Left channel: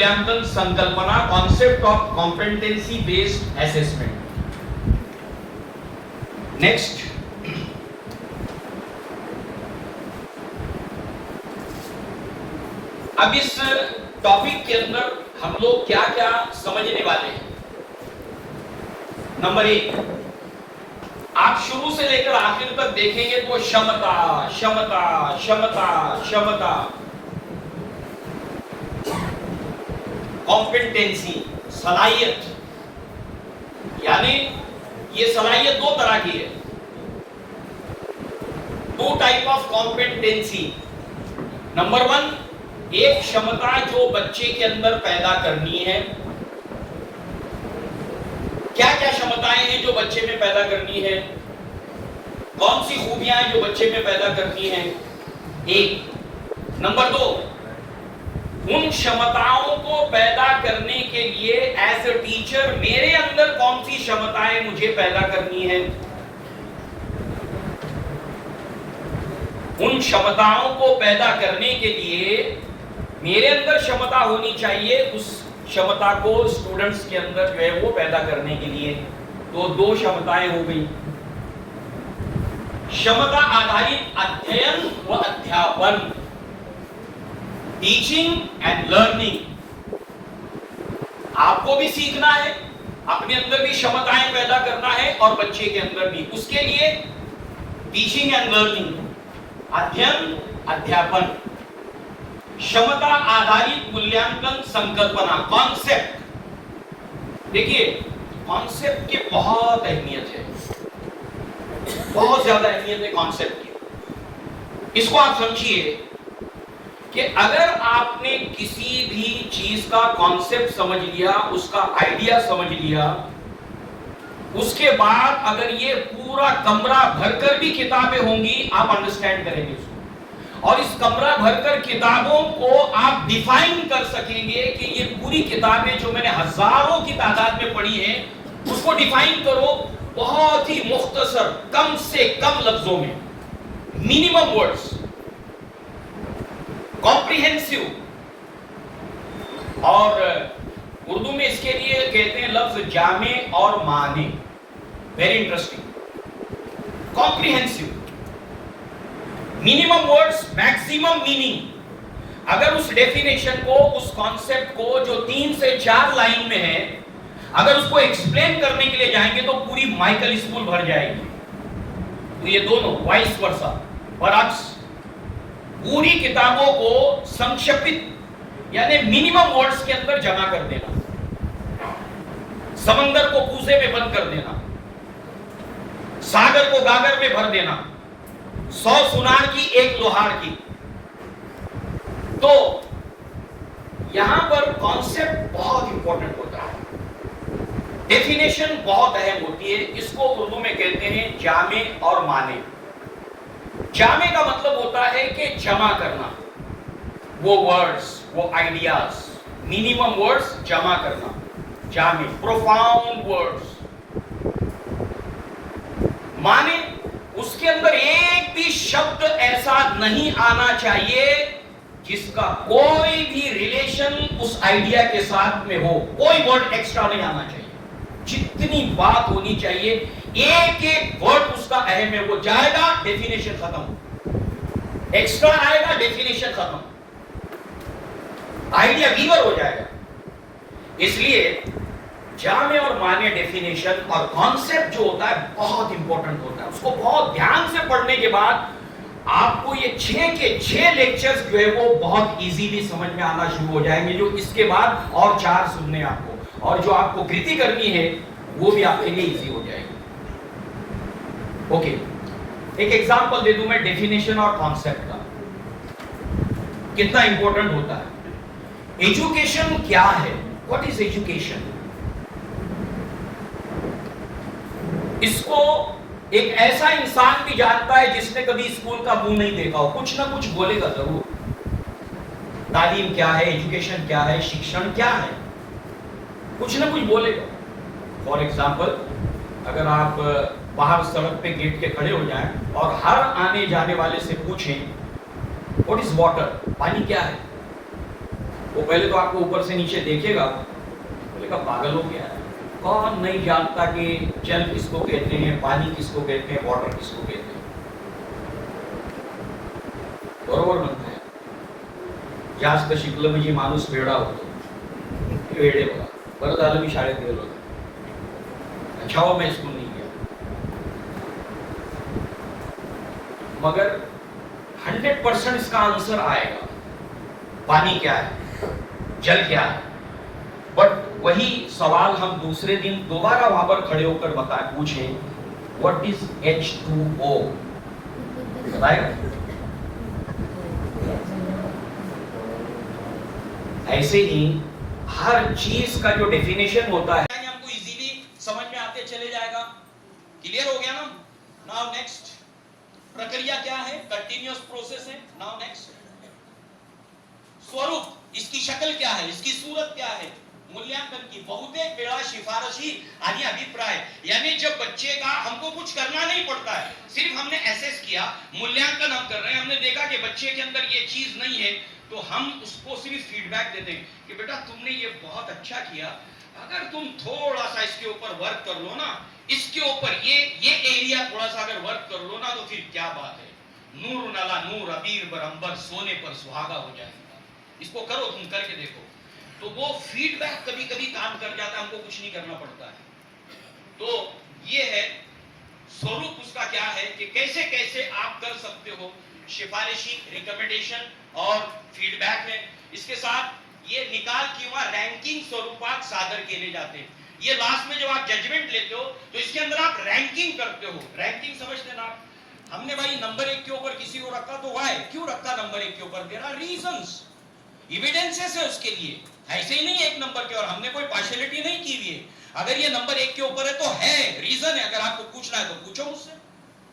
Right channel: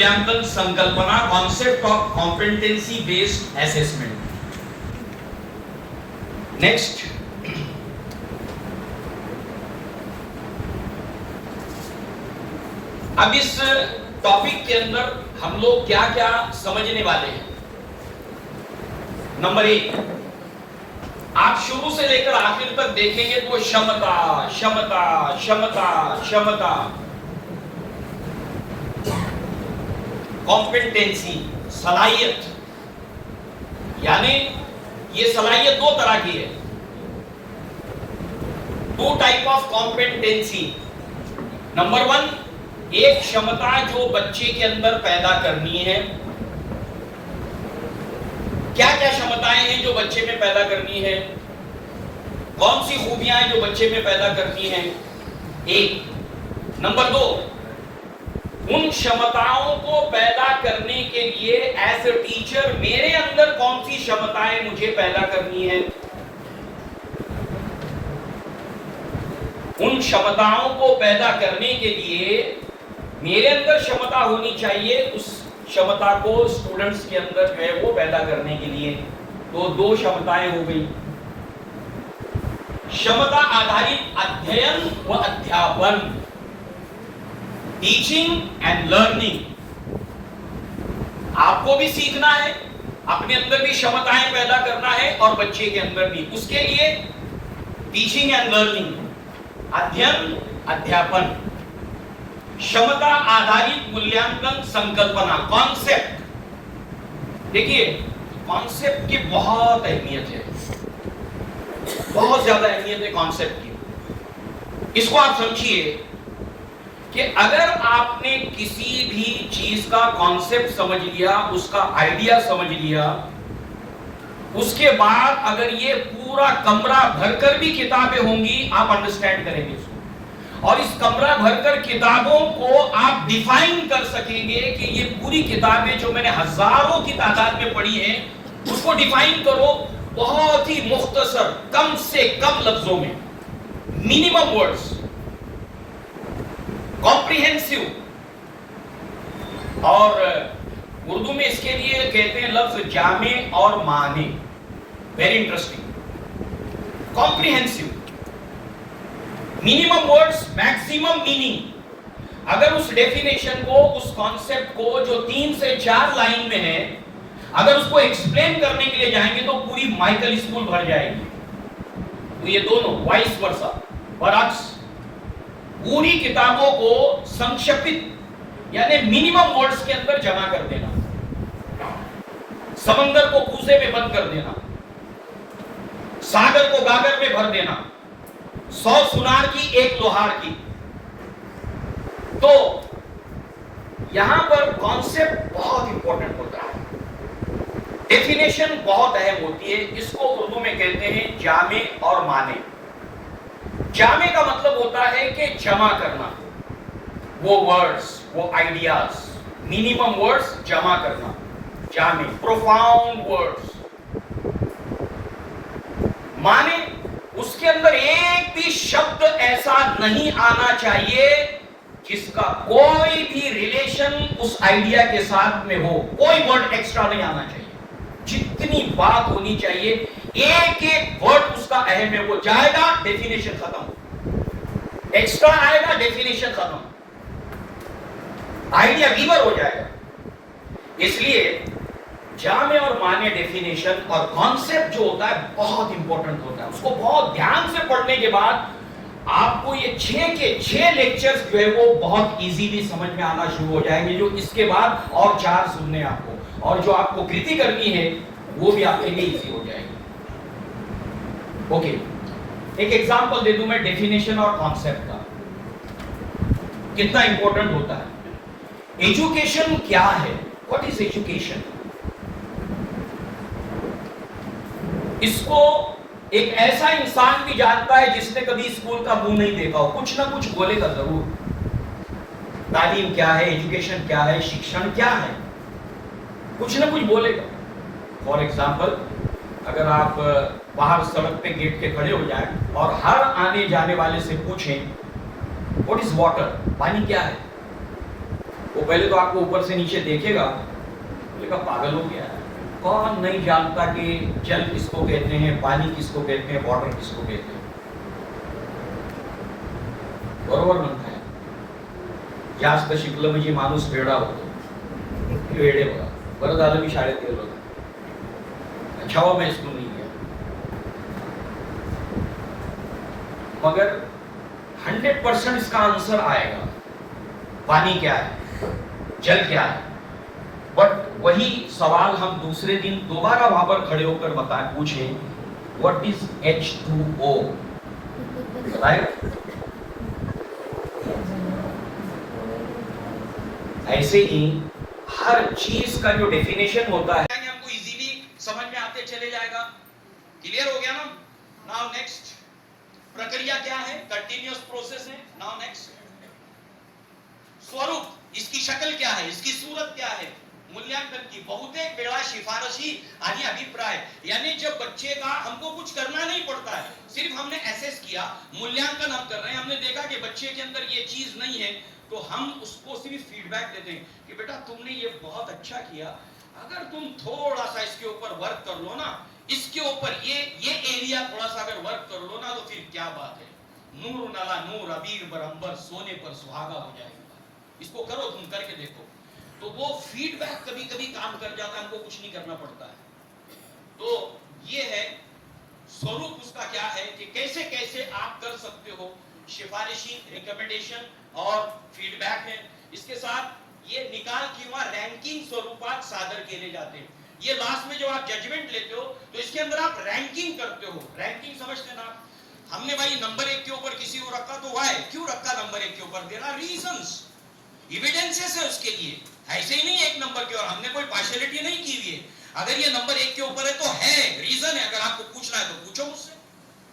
मूल्यांकन संकल्पना, concept of competency based assessment. Next, अब इस टॉपिक के अंदर हम लोग क्या क्या समझने वाले हैं। नंबर 1, आप शुरू से लेकर आखिर तक देखेंगे तो क्षमता क्षमता क्षमता क्षमता, कॉम्पिटेंसी सलाहियत, यानी ये सलाहियत दो तरह की है, two type of competency. Number 1, एक क्षमता जो बच्चे के अंदर पैदा करनी है। क्या क्या क्षमताएं हैं जो बच्चे में पैदा करनी है, कौन सी खूबियां हैं जो बच्चे में पैदा करनी है, एक। नंबर 2, उन क्षमताओं को पैदा करने के लिए एज ए टीचर मेरे अंदर कौन सी क्षमताएं मुझे पैदा करनी है। उन क्षमताओं को पैदा करने के लिए मेरे अंदर क्षमता होनी चाहिए, उस क्षमता को स्टूडेंट्स के अंदर जो है वो पैदा करने के लिए। तो दो क्षमताएं हो गई, क्षमता आधारित अध्ययन व अध्यापन, टीचिंग एंड लर्निंग। आपको भी सीखना है, अपने अंदर भी क्षमताएं पैदा करना है और बच्चे के अंदर भी। उसके लिए टीचिंग एंड लर्निंग, अध्ययन अध्यापन, क्षमता आधारित मूल्यांकन संकल्पना, कॉन्सेप्ट। देखिए, कॉन्सेप्ट की बहुत अहमियत है, बहुत ज्यादा अहमियत है कॉन्सेप्ट की। इसको आप समझिए कि अगर आपने किसी भी चीज का कॉन्सेप्ट समझ लिया, उसका आइडिया समझ लिया, उसके बाद अगर ये पूरा कमरा भरकर भी किताबें होंगी, आप अंडरस्टैंड करेंगे उसको। और इस कमरा भरकर किताबों को आप डिफाइन कर सकेंगे कि ये पूरी किताबें जो मैंने हजारों की तादाद में पढ़ी हैं, उसको डिफाइन करो बहुत ही मुख्तसर, कम से कम लफ्जों में, मिनिमम वर्ड्स, कॉम्प्रिहेंसिव। और उर्दू में इसके लिए कहते हैं लफ्ज जामे और माने, very interesting. Comprehensive, minimum words, maximum meaning. अगर उस डेफिनेशन को, उस कॉन्सेप्ट को जो 3 से 4 लाइन में है, अगर उसको एक्सप्लेन करने के लिए जाएंगे तो पूरी माइकल स्कूल भर जाएगी। तो ये दोनों वाइस वर्सा, बरअक्स, पूरी किताबों को संक्षिप्त यानी मिनिमम वर्ड्स के अंदर जमा कर देना, समंदर को कूजे में बंद कर देना, सागर को गागर में भर देना, 100 सुनार की एक लोहार की। तो यहां पर कॉन्सेप्ट बहुत इंपॉर्टेंट होता है, डेफिनेशन बहुत अहम होती है। इसको उर्दू में कहते हैं जामे और माने। जामे का मतलब होता है कि जमा करना, वो वर्ड्स, वो आइडियाज, मिनिमम वर्ड्स जमा करना, जामे, प्रोफाउंड वर्ड्स। माने, उसके अंदर एक भी शब्द ऐसा नहीं आना चाहिए जिसका कोई भी रिलेशन उस आइडिया के साथ में हो, कोई वर्ड एक्स्ट्रा नहीं आना चाहिए। जितनी बात होनी चाहिए, एक एक वर्ड उसका अहम है, वो जाएगा डेफिनेशन खत्म, एक्स्ट्रा आएगा डेफिनेशन खत्म, आइडिया वीवर हो जाएगा। इसलिए जामे और माने डेफिनेशन और कॉन्सेप्ट जो होता है बहुत इंपॉर्टेंट होता है। उसको बहुत ध्यान से पढ़ने के बाद आपको ये 6 के 6 लेक्चर्स जो है वो बहुत इजीली समझ में आना शुरू हो जाएंगे। जो इसके बाद और 4 सुनने आपको, और जो आपको कृति करनी है वो भी आपके लिए इजी हो जाएगी। ओके, एक एग्जांपल दे दूं मैं डेफिनेशन और कॉन्सेप्ट का, कितना इंपॉर्टेंट होता है। एजुकेशन क्या है? What is education? इसको एक ऐसा इंसान भी जानता है जिसने कभी स्कूल का मुंह नहीं देखा हो, कुछ ना कुछ बोलेगा जरूर। तालीम क्या है, एजुकेशन क्या है, शिक्षण क्या है, कुछ ना कुछ बोलेगा। फॉर एग्जाम्पल, अगर आप बाहर सड़क पे गेट के खड़े हो जाएं और हर आने जाने वाले से पूछें व्हाट इज वाटर, पानी क्या है, वो पहले तो आपको ऊपर से नीचे देखेगा, बोलेगा पागल हो गया, कौन नहीं जानता कि जल किसको कहते हैं, पानी किसको कहते हैं, वाटर किसको कहते हैं। बरोबर म्हणताय, जास्त शिकलं म्हणजे माणूस वेडा होतो, वेडे बघा, बरं झालं मी शाळेत गेलो, अच्छा हुआ मैं स्कूल नहीं गया। मगर 100% इसका आंसर आएगा, पानी क्या है, जल क्या है। बट वही सवाल हम दूसरे दिन दोबारा वहां पर खड़े होकर पूछे, व्हाट इज H2O, राइट। ऐसे ही हर चीज का जो डेफिनेशन होता है हमको इजीली समझ में आते चले जाएगा। क्लियर हो गया ना। नाउ नेक्स्ट, प्रक्रिया क्या है, कंटिन्यूअस प्रोसेस है। नाउ नेक्स्ट, स्वरूप, इसकी शक्ल क्या है, इसकी सूरत क्या है, मूल्यांकन की बहुतेक वेळा शिफारशी आणि अभिप्राय, यानी जब बच्चे का हमको कुछ करना नहीं पड़ता है, सिर्फ हमने एसेस किया, मूल्यांकन हम कर रहे हैं, हमने देखा कि बच्चे के अंदर ये चीज नहीं है, तो हम उसको सिर्फ फीडबैक देते हैं कि बेटा तुमने ये बहुत अच्छा किया, अगर तुम थोड़ा सा इसके ऊपर वर्क कर लो ना, इसके ऊपर ये एरिया थोड़ा सा अगर वर्क कर लो ना, तो फिर क्या बात है, नूर नाला नूर अबीर बरंबर सोने पर सुहागा हो जाएगा, इसको करो, तुम करके देखो। तो वो फीडबैक कभी कभी काम कर जाता है, हमको कुछ नहीं करना पड़ता है। तो ये है स्वरूप, उसका क्या है कि कैसे कैसे आप कर सकते हो, सिफारिशी, रिकमेंडेशन और फीडबैक है। इसके साथ ये निकाल किंवा रैंकिंग स्वरूपात सादर केले जाते। ये लास्ट में जब आप जजमेंट लेते हो तो इसके अंदर आप रैंकिंग करते हो। रैंकिंग समझते ना, हमने भाई नंबर 1 के ऊपर किसी को रखा, तो व्हाई, क्यों रखा नंबर 1 के ऊपर, देयर आर रीजंस, एविडेंसेस है उसके लिए, ऐसे ही नहीं एक नंबर के, और हमने कोई पार्शियलिटी नहीं की हुई है। अगर ये नंबर 1 के ऊपर है तो है, रीजन है, अगर आपको पूछना है तो पूछो मुझसे,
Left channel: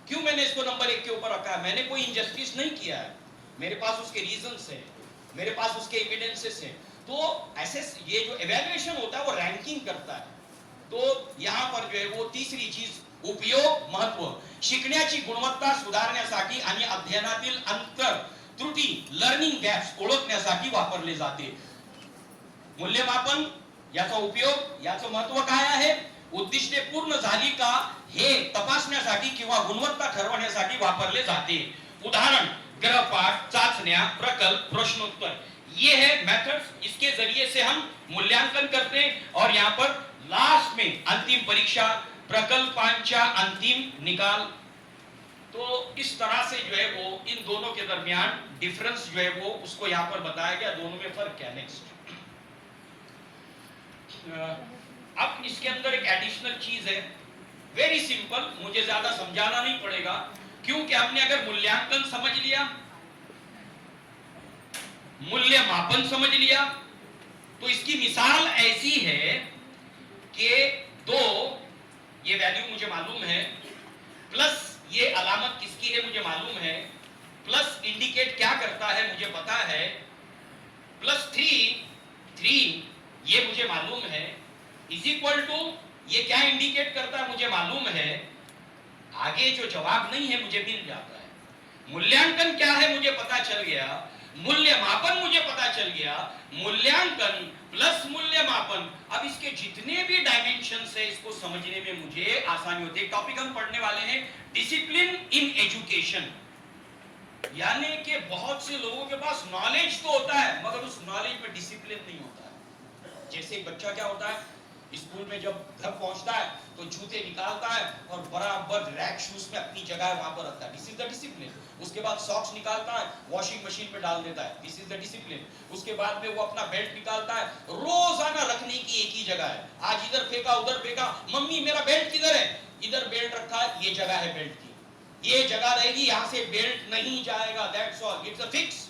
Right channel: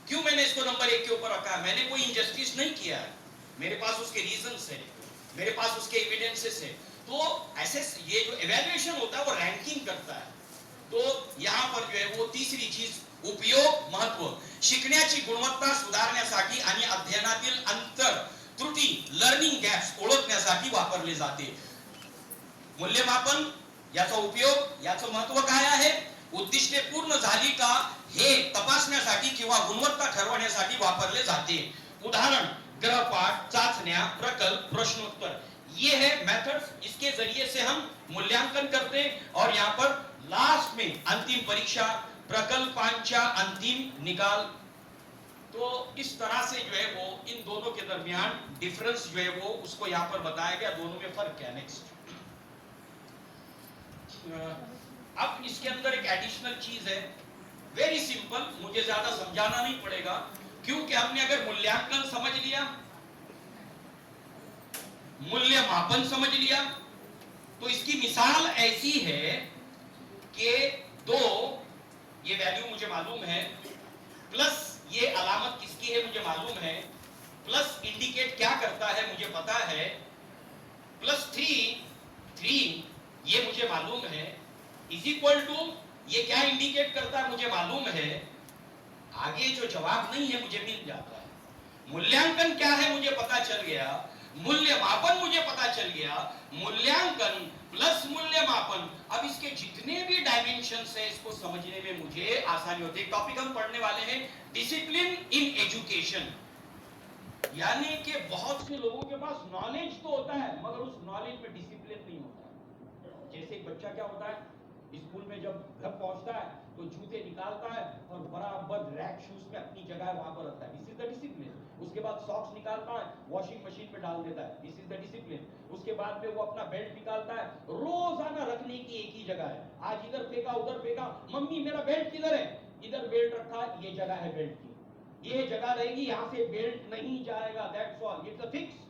क्यों मैंने इसको नंबर 1 के ऊपर रखा है, मैंने कोई इनजस्टिस नहीं किया है, मेरे पास उसके रीजंस है, मेरे पास उसके एविडेंसेस है। तो ऐसे ये जो इवैल्यूएशन होता है वो रैंकिंग करता है। तो यहाँ पर जो है वो तीसरी चीज, उपयोग, महत्व, शिकण्याची गुणवत्ता सुधारण्यासाठी आणि अध्ययनातील अंतर त्रुटी, लर्निंग गॅप्स ओळखण्यासाठी वापरले जाते। मूल्यमापन, याचा उपयोग, याचं महत्व काय आहे, उद्दिष्टे पूर्ण झाली का हे तपासण्यासाठी किंवा गुणवत्ता ठरवण्यासाठी वापरले जाते। उदाहरण, गृहपाठ, चाचण्या, प्रकल्प, प्रश्नोत्तर, ये है मेथड्स, इसके जरिए से हम मूल्यांकन करते हैं। और यहाँ पर लास्ट में अंतिम परीक्षा, प्रकल्पांच्या अंतिम निकाल। तो इस तरह से जो है वो इन दोनों के दरमियान डिफरेंस जो है वो उसको यहाँ पर बताया गया, दोनों में फर्क क्या। नेक्स्ट, अब इसके अंदर एक एडिशनल चीज है, वेरी सिंपल, मुझे ज्यादा समझाना नहीं पड़ेगा, क्योंकि हमने अगर मूल्यांकन समझ लिया, मूल्यमापन समझ लिया, तो इसकी मिसाल ऐसी है कि दो, ये वैल्यू मुझे मालूम है, प्लस ये अलामत किसकी है मुझे मालूम है, प्लस इंडिकेट क्या करता है मुझे पता है, प्लस 3 ये मुझे मालूम है, इज इक्वल टू ये क्या इंडिकेट करता है मुझे मालूम है, आगे जो जवाब नहीं है मुझे मिल जाता है। मूल्यांकन क्या है मुझे पता चल गया, मूल्यमापन मुझे पता चल गया, मूल्यांकन प्लस मूल्यमापन, अब इसके जितने भी डायमेंशंस है इसको समझने में मुझे आसानी होती है। टॉपिक हम पढ़ने वाले हैं डिसिप्लिन इन एजुकेशन, यानी कि बहुत से लोगों के पास नॉलेज तो होता है मगर उस नॉलेज में डिसिप्लिन नहीं होता है। जैसे एक बच्चा क्या होता है, स्कूल में जब घर पहुंचता है तो जूते निकालता है और बराबर रैक शूज में अपनी जगह वहां पर रखता है, दिस इज द डिसिप्लिन। उसके बाद सॉक्स निकालता है, वॉशिंग मशीन में डाल देता है, दिस इज द डिसिप्लिन। उसके बाद में वो अपना बेल्ट निकालता है, रोजाना रखने की एक ही जगह है, आज इधर फेंका उधर फेंका, मम्मी मेरा बेल्ट किधर है, इधर बेल्ट रखा है, ये जगह है बेल्ट की, ये जगह रहेगी, यहां से बेल्ट नहीं जाएगा, that's all, it's a fix.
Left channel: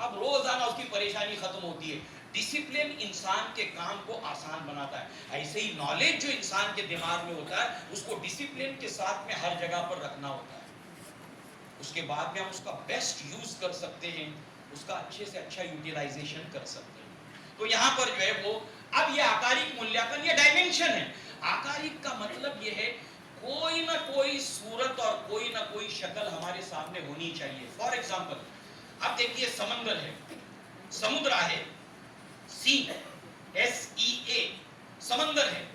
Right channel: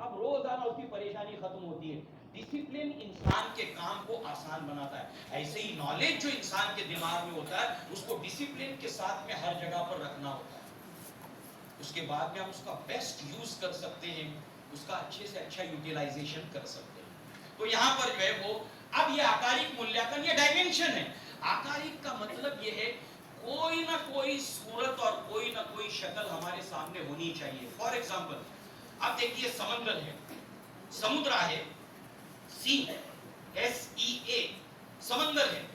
अब रोजाना उसकी परेशानी खत्म होती है। डिसिप्लिन इंसान के काम को आसान बनाता है। ऐसे ही नॉलेज जो इंसान के दिमाग में होता है उसको डिसिप्लिन के साथ में हर जगह पर रखना होता है, उसके बाद में हम उसका बेस्ट यूज कर सकते हैं, उसका अच्छे से अच्छा यूटिलाइजेशन कर सकते हैं। तो यहाँ पर जो है वो, अब ये आकारिक मूल्यांकन, ये डायमेंशन है। आकारिक का मतलब ये है कोई ना कोई सूरत और कोई ना कोई शक्ल हमारे सामने होनी चाहिए। फॉर एग्जाम्पल, अब देखिए समंदर है, समुद्र है, सी, SEA, समंदर है।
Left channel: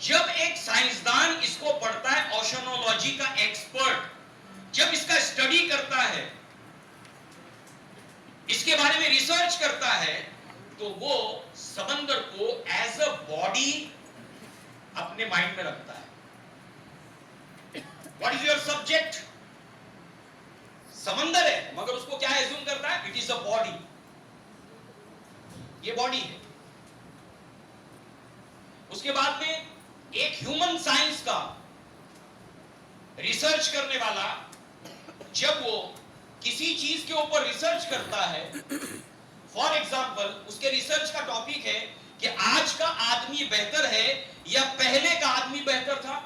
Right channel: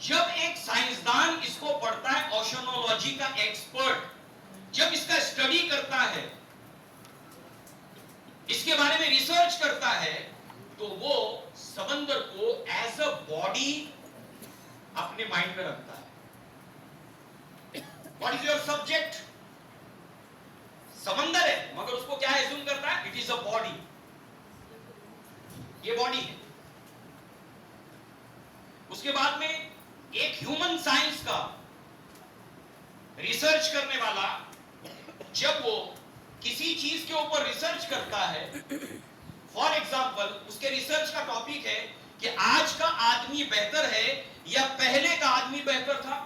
जब एक साइंसदान इसको पढ़ता है, ओशनोलॉजी का एक्सपर्ट जब इसका स्टडी करता है, इसके बारे में रिसर्च करता है, तो वो समंदर को एज अ बॉडी अपने माइंड में रखता है। What is your subject? समंदर है, मगर उसको क्या एज्यूम करता है? इट इज अ बॉडी, ये बॉडी है। उसके बाद में एक ह्यूमन साइंस का रिसर्च करने वाला जब वो किसी चीज के ऊपर रिसर्च करता है, फॉर एग्जाम्पल उसके रिसर्च का टॉपिक है कि आज का आदमी बेहतर है या पहले का आदमी बेहतर था।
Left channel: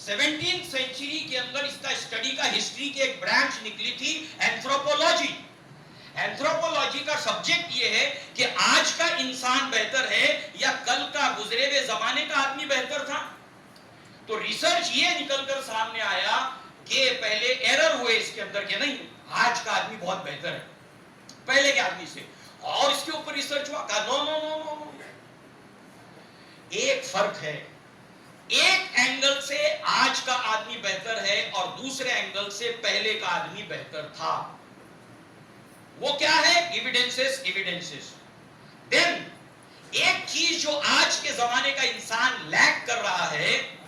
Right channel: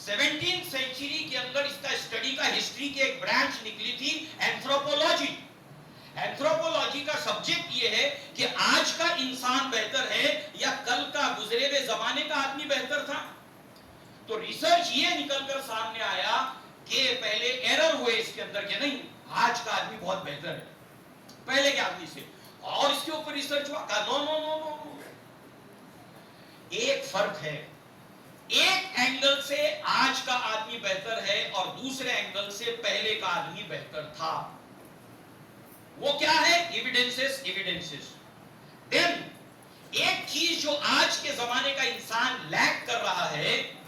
17th सेंचुरी के अंदर इसका स्टडी का हिस्ट्री की एक ब्रांच निकली थी, एंथ्रोपोलॉजी। एंथ्रोपोलॉजी का सब्जेक्ट यह है कि आज का इंसान बेहतर है या कल का गुजरे हुए जमाने का आदमी बेहतर था। तो रिसर्च ये निकलकर सामने आया कि पहले एरर हुए इसके अंदर कि नहीं, आज का आदमी बहुत बेहतर है पहले के आदमी से, और इसके ऊपर रिसर्च हुआ, कहा नो नो नो नो, एक फर्क है, एक एंगल से आज का आदमी बेहतर है और दूसरे एंगल से पहले का आदमी बेहतर था। वो क्या है? Evidences, evidences. देन एक चीज जो आज के जमाने का इंसान लैक कर रहा है,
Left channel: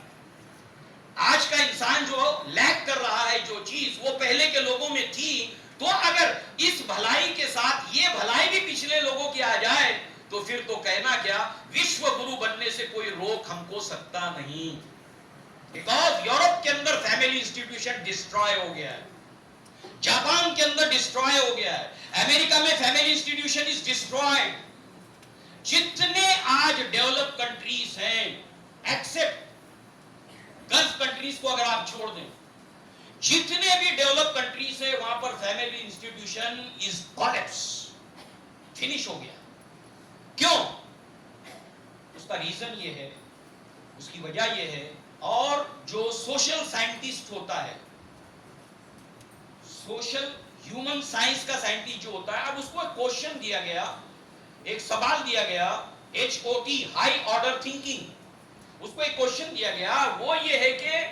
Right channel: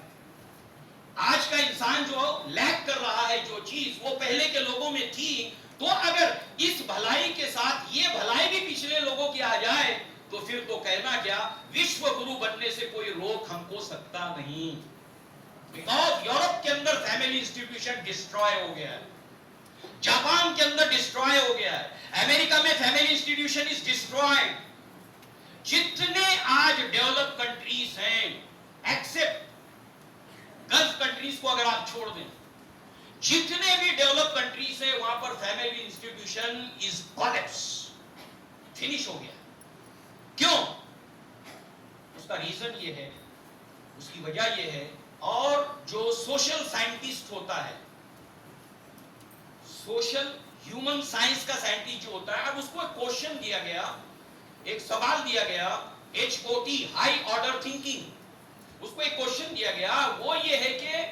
आज का इंसान जो लैक कर रहा है जो चीज वो पहले के लोगों में थी, तो अगर इस भलाई के साथ ये भलाई भी पिछले लोगों की आ जाए तो फिर तो कहना क्या, विश्व गुरु बनने से कोई रोक हमको सकता नहीं। बिकॉज यूरोप के अंदर फैमिली इंस्टीट्यूशन डिस्ट्रॉय हो गया है, जापान के अंदर डिस्ट्रॉय हो गया है, अमेरिका में फैमिली इंस्टीट्यूशन इज डिस्ट्रॉयड। जितने आज डेवलप कंट्रीज हैं, एक्सेप्ट गल्फ कंट्रीज को अगर आप छोड़ दें, जितने भी डेवलप कंट्रीज हैं वहां पर family institution is collapse, finish हो गया। क्यों? उसका रीजन ये है, उसकी वजह ये है, और जो सोशल साइंटिस्ट होता है, सोशल ह्यूमन साइंस का साइंटिस्ट जो होता है, अब उसको एक क्वेश्चन दिया गया, एक सवाल दिया गया, HOT, हाई ऑर्डर थिंकिंग, उसको एक क्वेश्चन दिया गया, वो ये है कि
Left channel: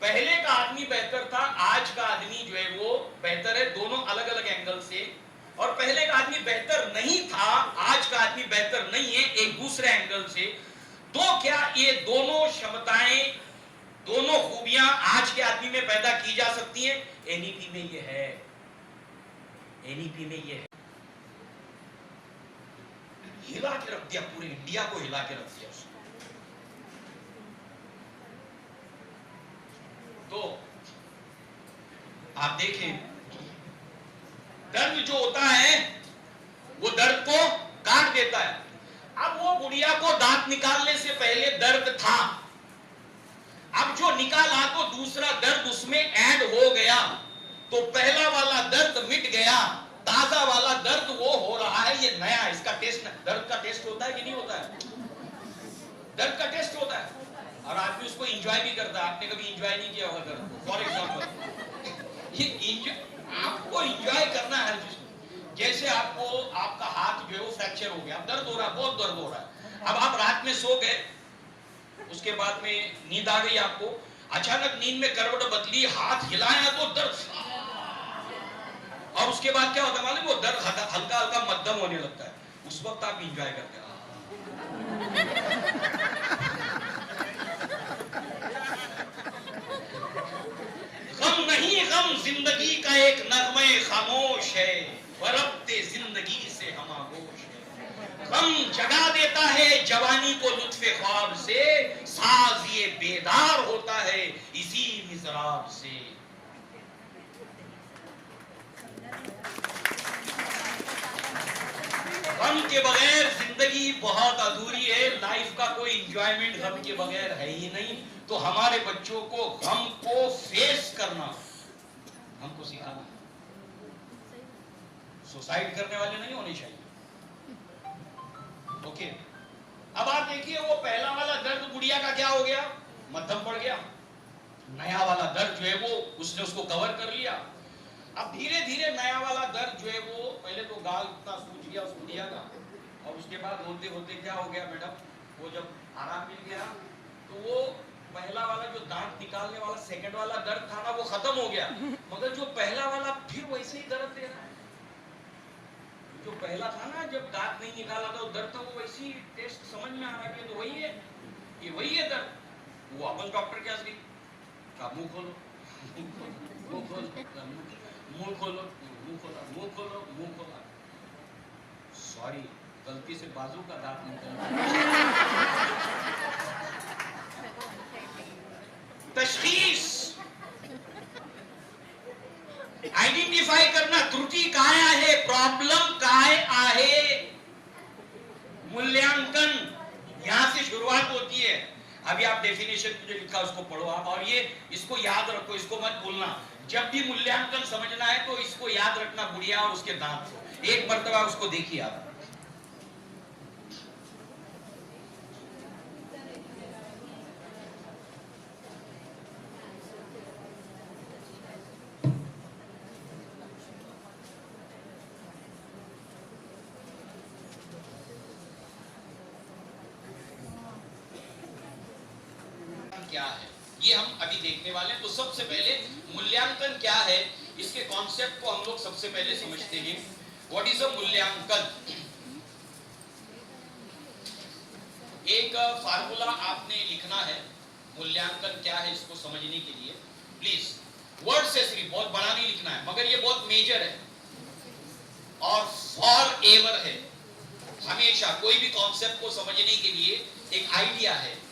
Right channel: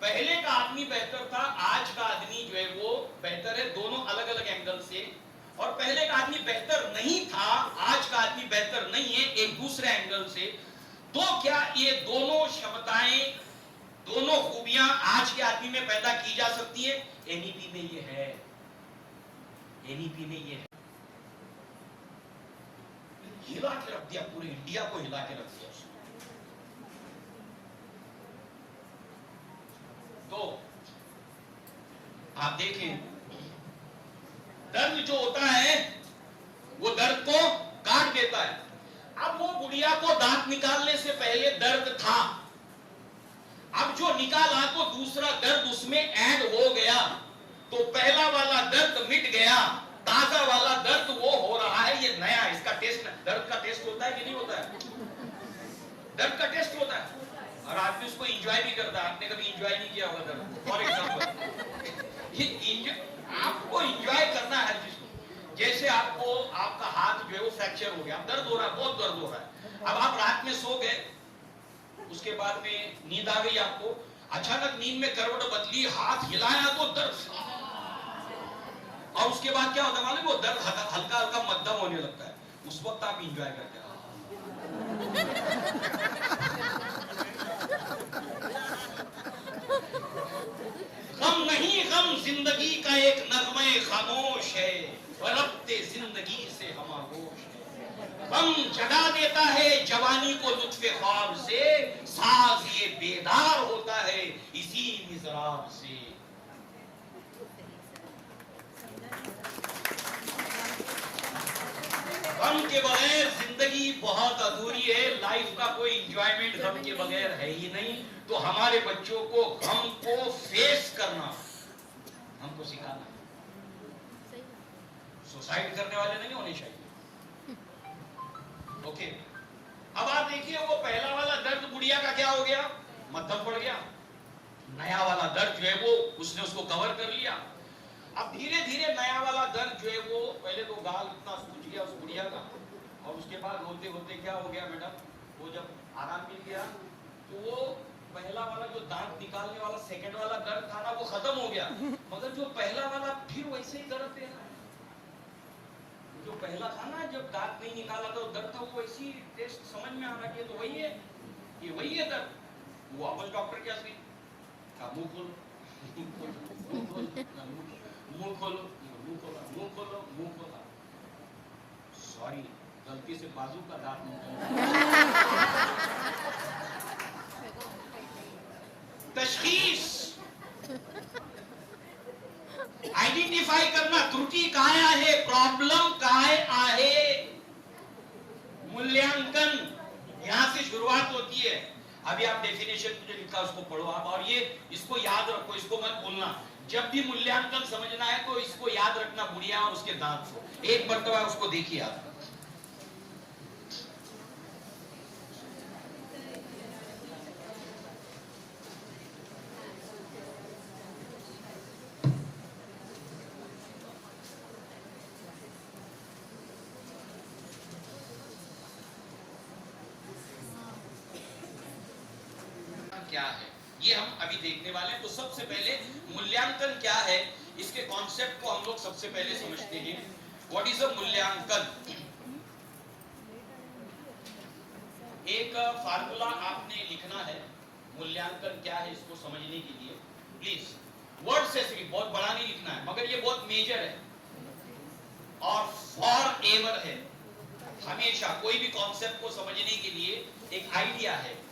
पहले का आदमी बेहतर था, आज का आदमी जो है वो बेहतर है, दोनों अलग अलग एंगल से, और पहले का आदमी बेहतर नहीं था, आज का आदमी बेहतर नहीं है, एक दूसरे एंगल से। तो क्या ये दोनों क्षमताएं, दोनों खूबियां आज के आदमी में पैदा की जा सकती हैं? NEP में ये है, NEP में ये है। हिला के रख दिया, पूरे इंडिया को हिला के रख दिया उसने। तो आप देखें, दर्द जो होता है वो दर्द को काट देता है। अब वो गुड़िया को दांत निकालने से पहले दर्द था, अब जो निकाला तो दूसरा दर्द उसमें ऐड हो गया, तो पहला वाला दर्द मिट गया, ताजा वाला दर्द वो हो रहा है, ये नया। इसका टेस्ट, दर्द का टेस्ट होता है कि नहीं होता है? दर्द का टेस्ट होता है, और आदमी उसको एंजॉय भी करता है। आपने कभी एंजॉय नहीं किया होगा दर्द? फॉर एग्जाम्पल, ये आपको एंजॉय करना है हर चीज को। जैसे आपको आपका हाथ जो है वो फ्रैक्चर हो गया, दर्द हो रहा है, बहुत दर्द हो रहा है, अब आप रात में सो गए, उसके बाद में नींद आ गई आपको, अचानक नींद में करवट बदली, हाथ हिलाया तो दर्द, और उसके बाद क्या होता है मालूम? वो दर्द हल्का हल्का मध्यम होने लगता है, उस वक्त आप एंजॉय करते हैं। गम नहीं, गम जिंदगी का एक नगमे खामोश है, रब्ते जिंदगी से हम आगोश है। गम जगा देता है जवानी को लुत्फे ख्वाब से, साज ये बेदार होता है इसी मिज़राब से। गम के बगैर जिंदगी बहुत अधूरी है, लाइफ का कोई एंजॉयमेंट गम के बगैर है ही नहीं। तो हमारे बच्चों को गम को फेस करना हमको सिखाना। सुसाइड करने वाले नहीं होने चाहिए। ओके, अब आप देखिए, वो पहला वाला दर्द गुड़िया का क्या हो गया? मध्यम पड़ गया। नया वाला दर्द जो है वो उसने उसको कवर कर लिया। अब धीरे धीरे नया वाला दर्द जो है वो, पहले तो गाल इतना सूज गया उस गुड़िया का, और उसके बाद रोते रोते क्या हो गया मैडम, वो जब आराम मिल गया तो वो पहला वाला जो दांत निकालने वाला सेकंड वाला दर्द था ना वो खत्म हो गया, मगर जो पहला वाला फिर वैसे ही दर्द दे रहा है। जो पहला था ना जब दांत नहीं निकाला था वो दर्द था, वो वैसी टेस्ट समझ में आ रहा है कि तो वही है, ये वही है दर्द। वो अपन डॉक्टर क्या सही का मुंह खोलो, मुंह खोलो, मुंह खोलो, मुंह खोलो, मुंह खोलो, मुंह खोलो, सॉरी गलती से बाजू का दांत निकल। तशखीस आइडेंटिफाई करना, त्रुटि कहाँ है, प्रॉब्लम कहाँ है, मूल्यांकन यहां से शुरुआत होती है। अभी आप डेफिनेशन जो लिखा उसको पढ़ो आप, और ये इसको याद रखो, इसको मत भूलना। जब भी मूल्यांकन समझना है तो इसको याद रखना, बुढ़िया और उसके दांत को एक मर्तबा उसको देखिए आप। क्या है ये हम अभी देखने वाले हैं। तो सबसे पहले मूल्यांकन क्या है, इसके कॉन्सेप्ट को हम लोग सबसे पहले समझते हैं। व्हाट इज अ मूल्यांकन? एक फार्मूला आपने लिखना है, मूल्यांकन क्या है इसको समझने के लिए। प्लीज वर्ड से सिर्फ, बहुत बड़ा नहीं लिखना है, मगर ये बहुत मेजर है और फॉर एवर है। हमेशा कोई भी कॉन्सेप्ट को समझने के लिए एक आइडिया है।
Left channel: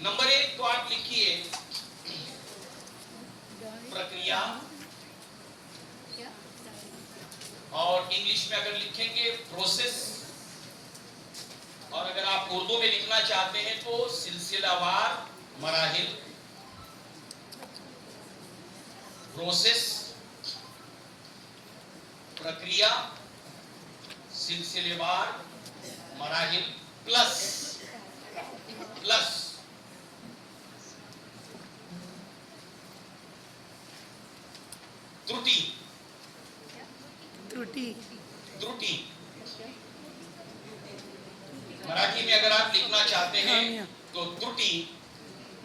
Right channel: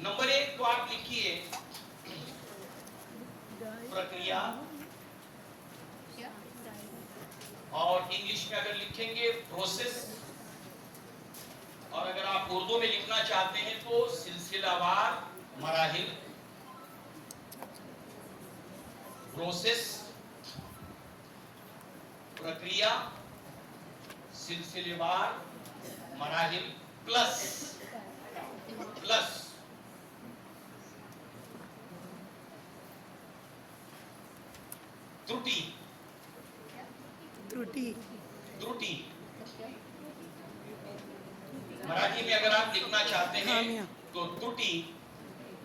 नंबर 1 तो आप लिखिए प्रक्रिया, और इंग्लिश में अगर लिखेंगे प्रोसेस, और अगर आप उर्दू में लिखना चाहते हैं तो सिलसिलावार मराहिल। प्रोसेस, प्रक्रिया, सिलसिलेवार मराहिल, प्लस त्रुटि। त्रुटि मराठी में अगर आप लिखना चाहते हैं तो त्रुटि,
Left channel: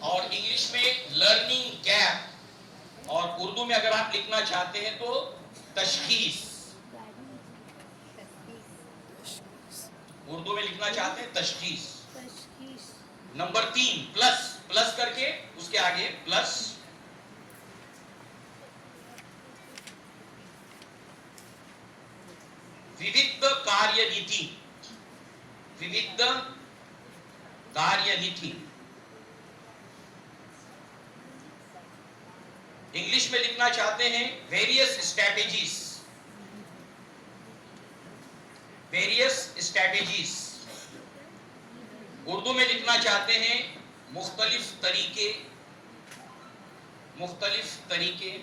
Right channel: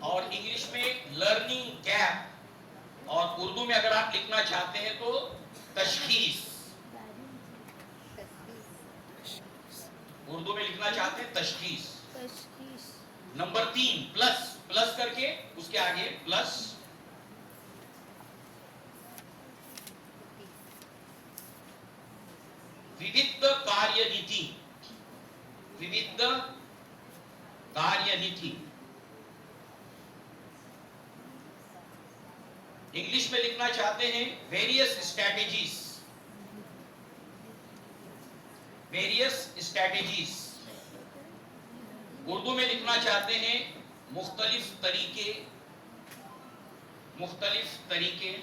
और इंग्लिश में लर्निंग गैप, और उर्दू में अगर आप लिखना चाहते हैं तो तशखीस। उर्दू में लिखना चाहते हैं तशखीस। नंबर 3 प्लस करके उसके आगे प्लस। विविध कार्यनीति, विविध कार्यनीति। इंग्लिश में लिखना चाहते हैं various strategies, various strategies. Urdu में लिखना चाहते हैं मुख्तलिफ तरीके, मुख्तलिफ तरीके।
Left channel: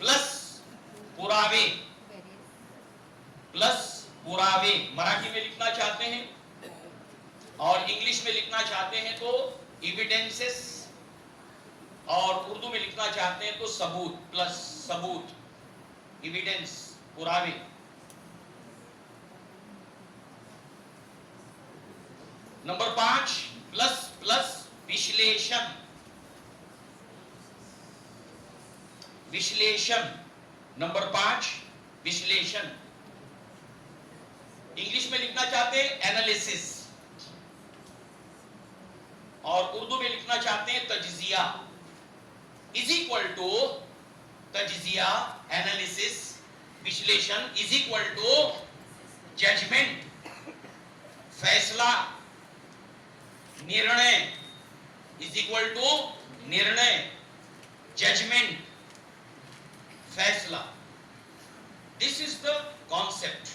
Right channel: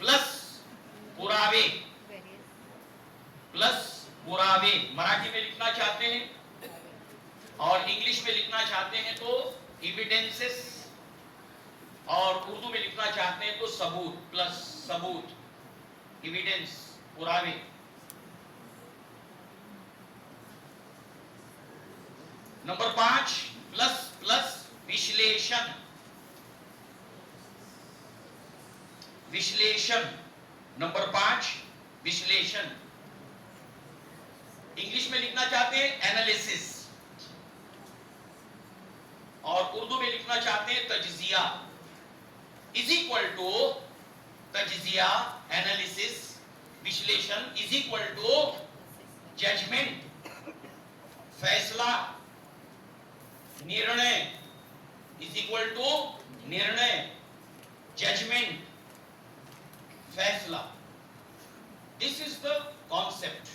प्लस पुरावे, प्लस पुरावे मराठी में लिखना चाहते हैं, और इंग्लिश में लिखना चाहते हैं तो एविडेंसेस, और उर्दू में लिखना चाहते हैं तो सबूत, प्लस सबूत, एविडेंस, पुरावे। नंबर 5 प्लस विश्लेषण, विश्लेषण। नंबर 5 विश्लेषण। इंग्लिश में लिखना चाहते हैं एनालिसिस, और उर्दू में लिखना चाहते हैं तजजिया, इज इक्वल टू तजजिया, एनालिसिस, विश्लेषण इज इक्वल टू जजमेंट, फैसला, निर्णय, इज इक्वल टू निर्णय, जजमेंट, फैसला। This is the concept.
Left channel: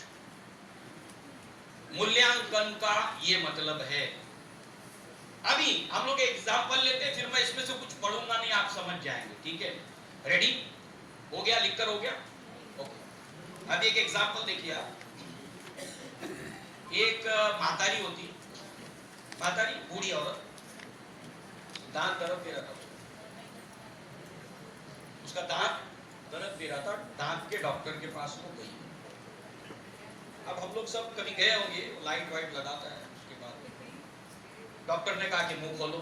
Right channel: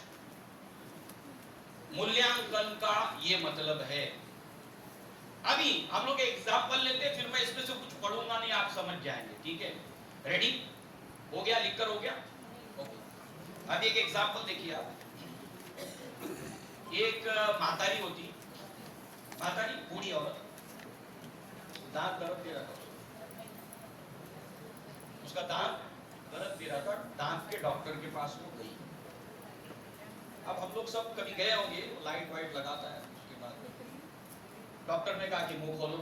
मूल्यांकन का ये मतलब है। अभी हम लोग एग्जाम्पल लेते हैं, फिर मैं इसमें से कुछ पढ़ूंगा नहीं, आप समझ जाएंगे, ठीक है? रेडी हो गया? लिखकर हो गया? ओके। अब एक एग्जाम्पल देखिए आप। एक मातारी होती, मातारी बूढ़ी औरत, दांत दर्द दे रहा था, उसका दांत दर्द दे रहा था, दांत के डॉक्टर के पास वो गई। अब हम लोग सब कभी गए होंगे, लाइट वाइट लगाता है, उसके बाद डॉक्टर ने कहा कि मुंह खोलो,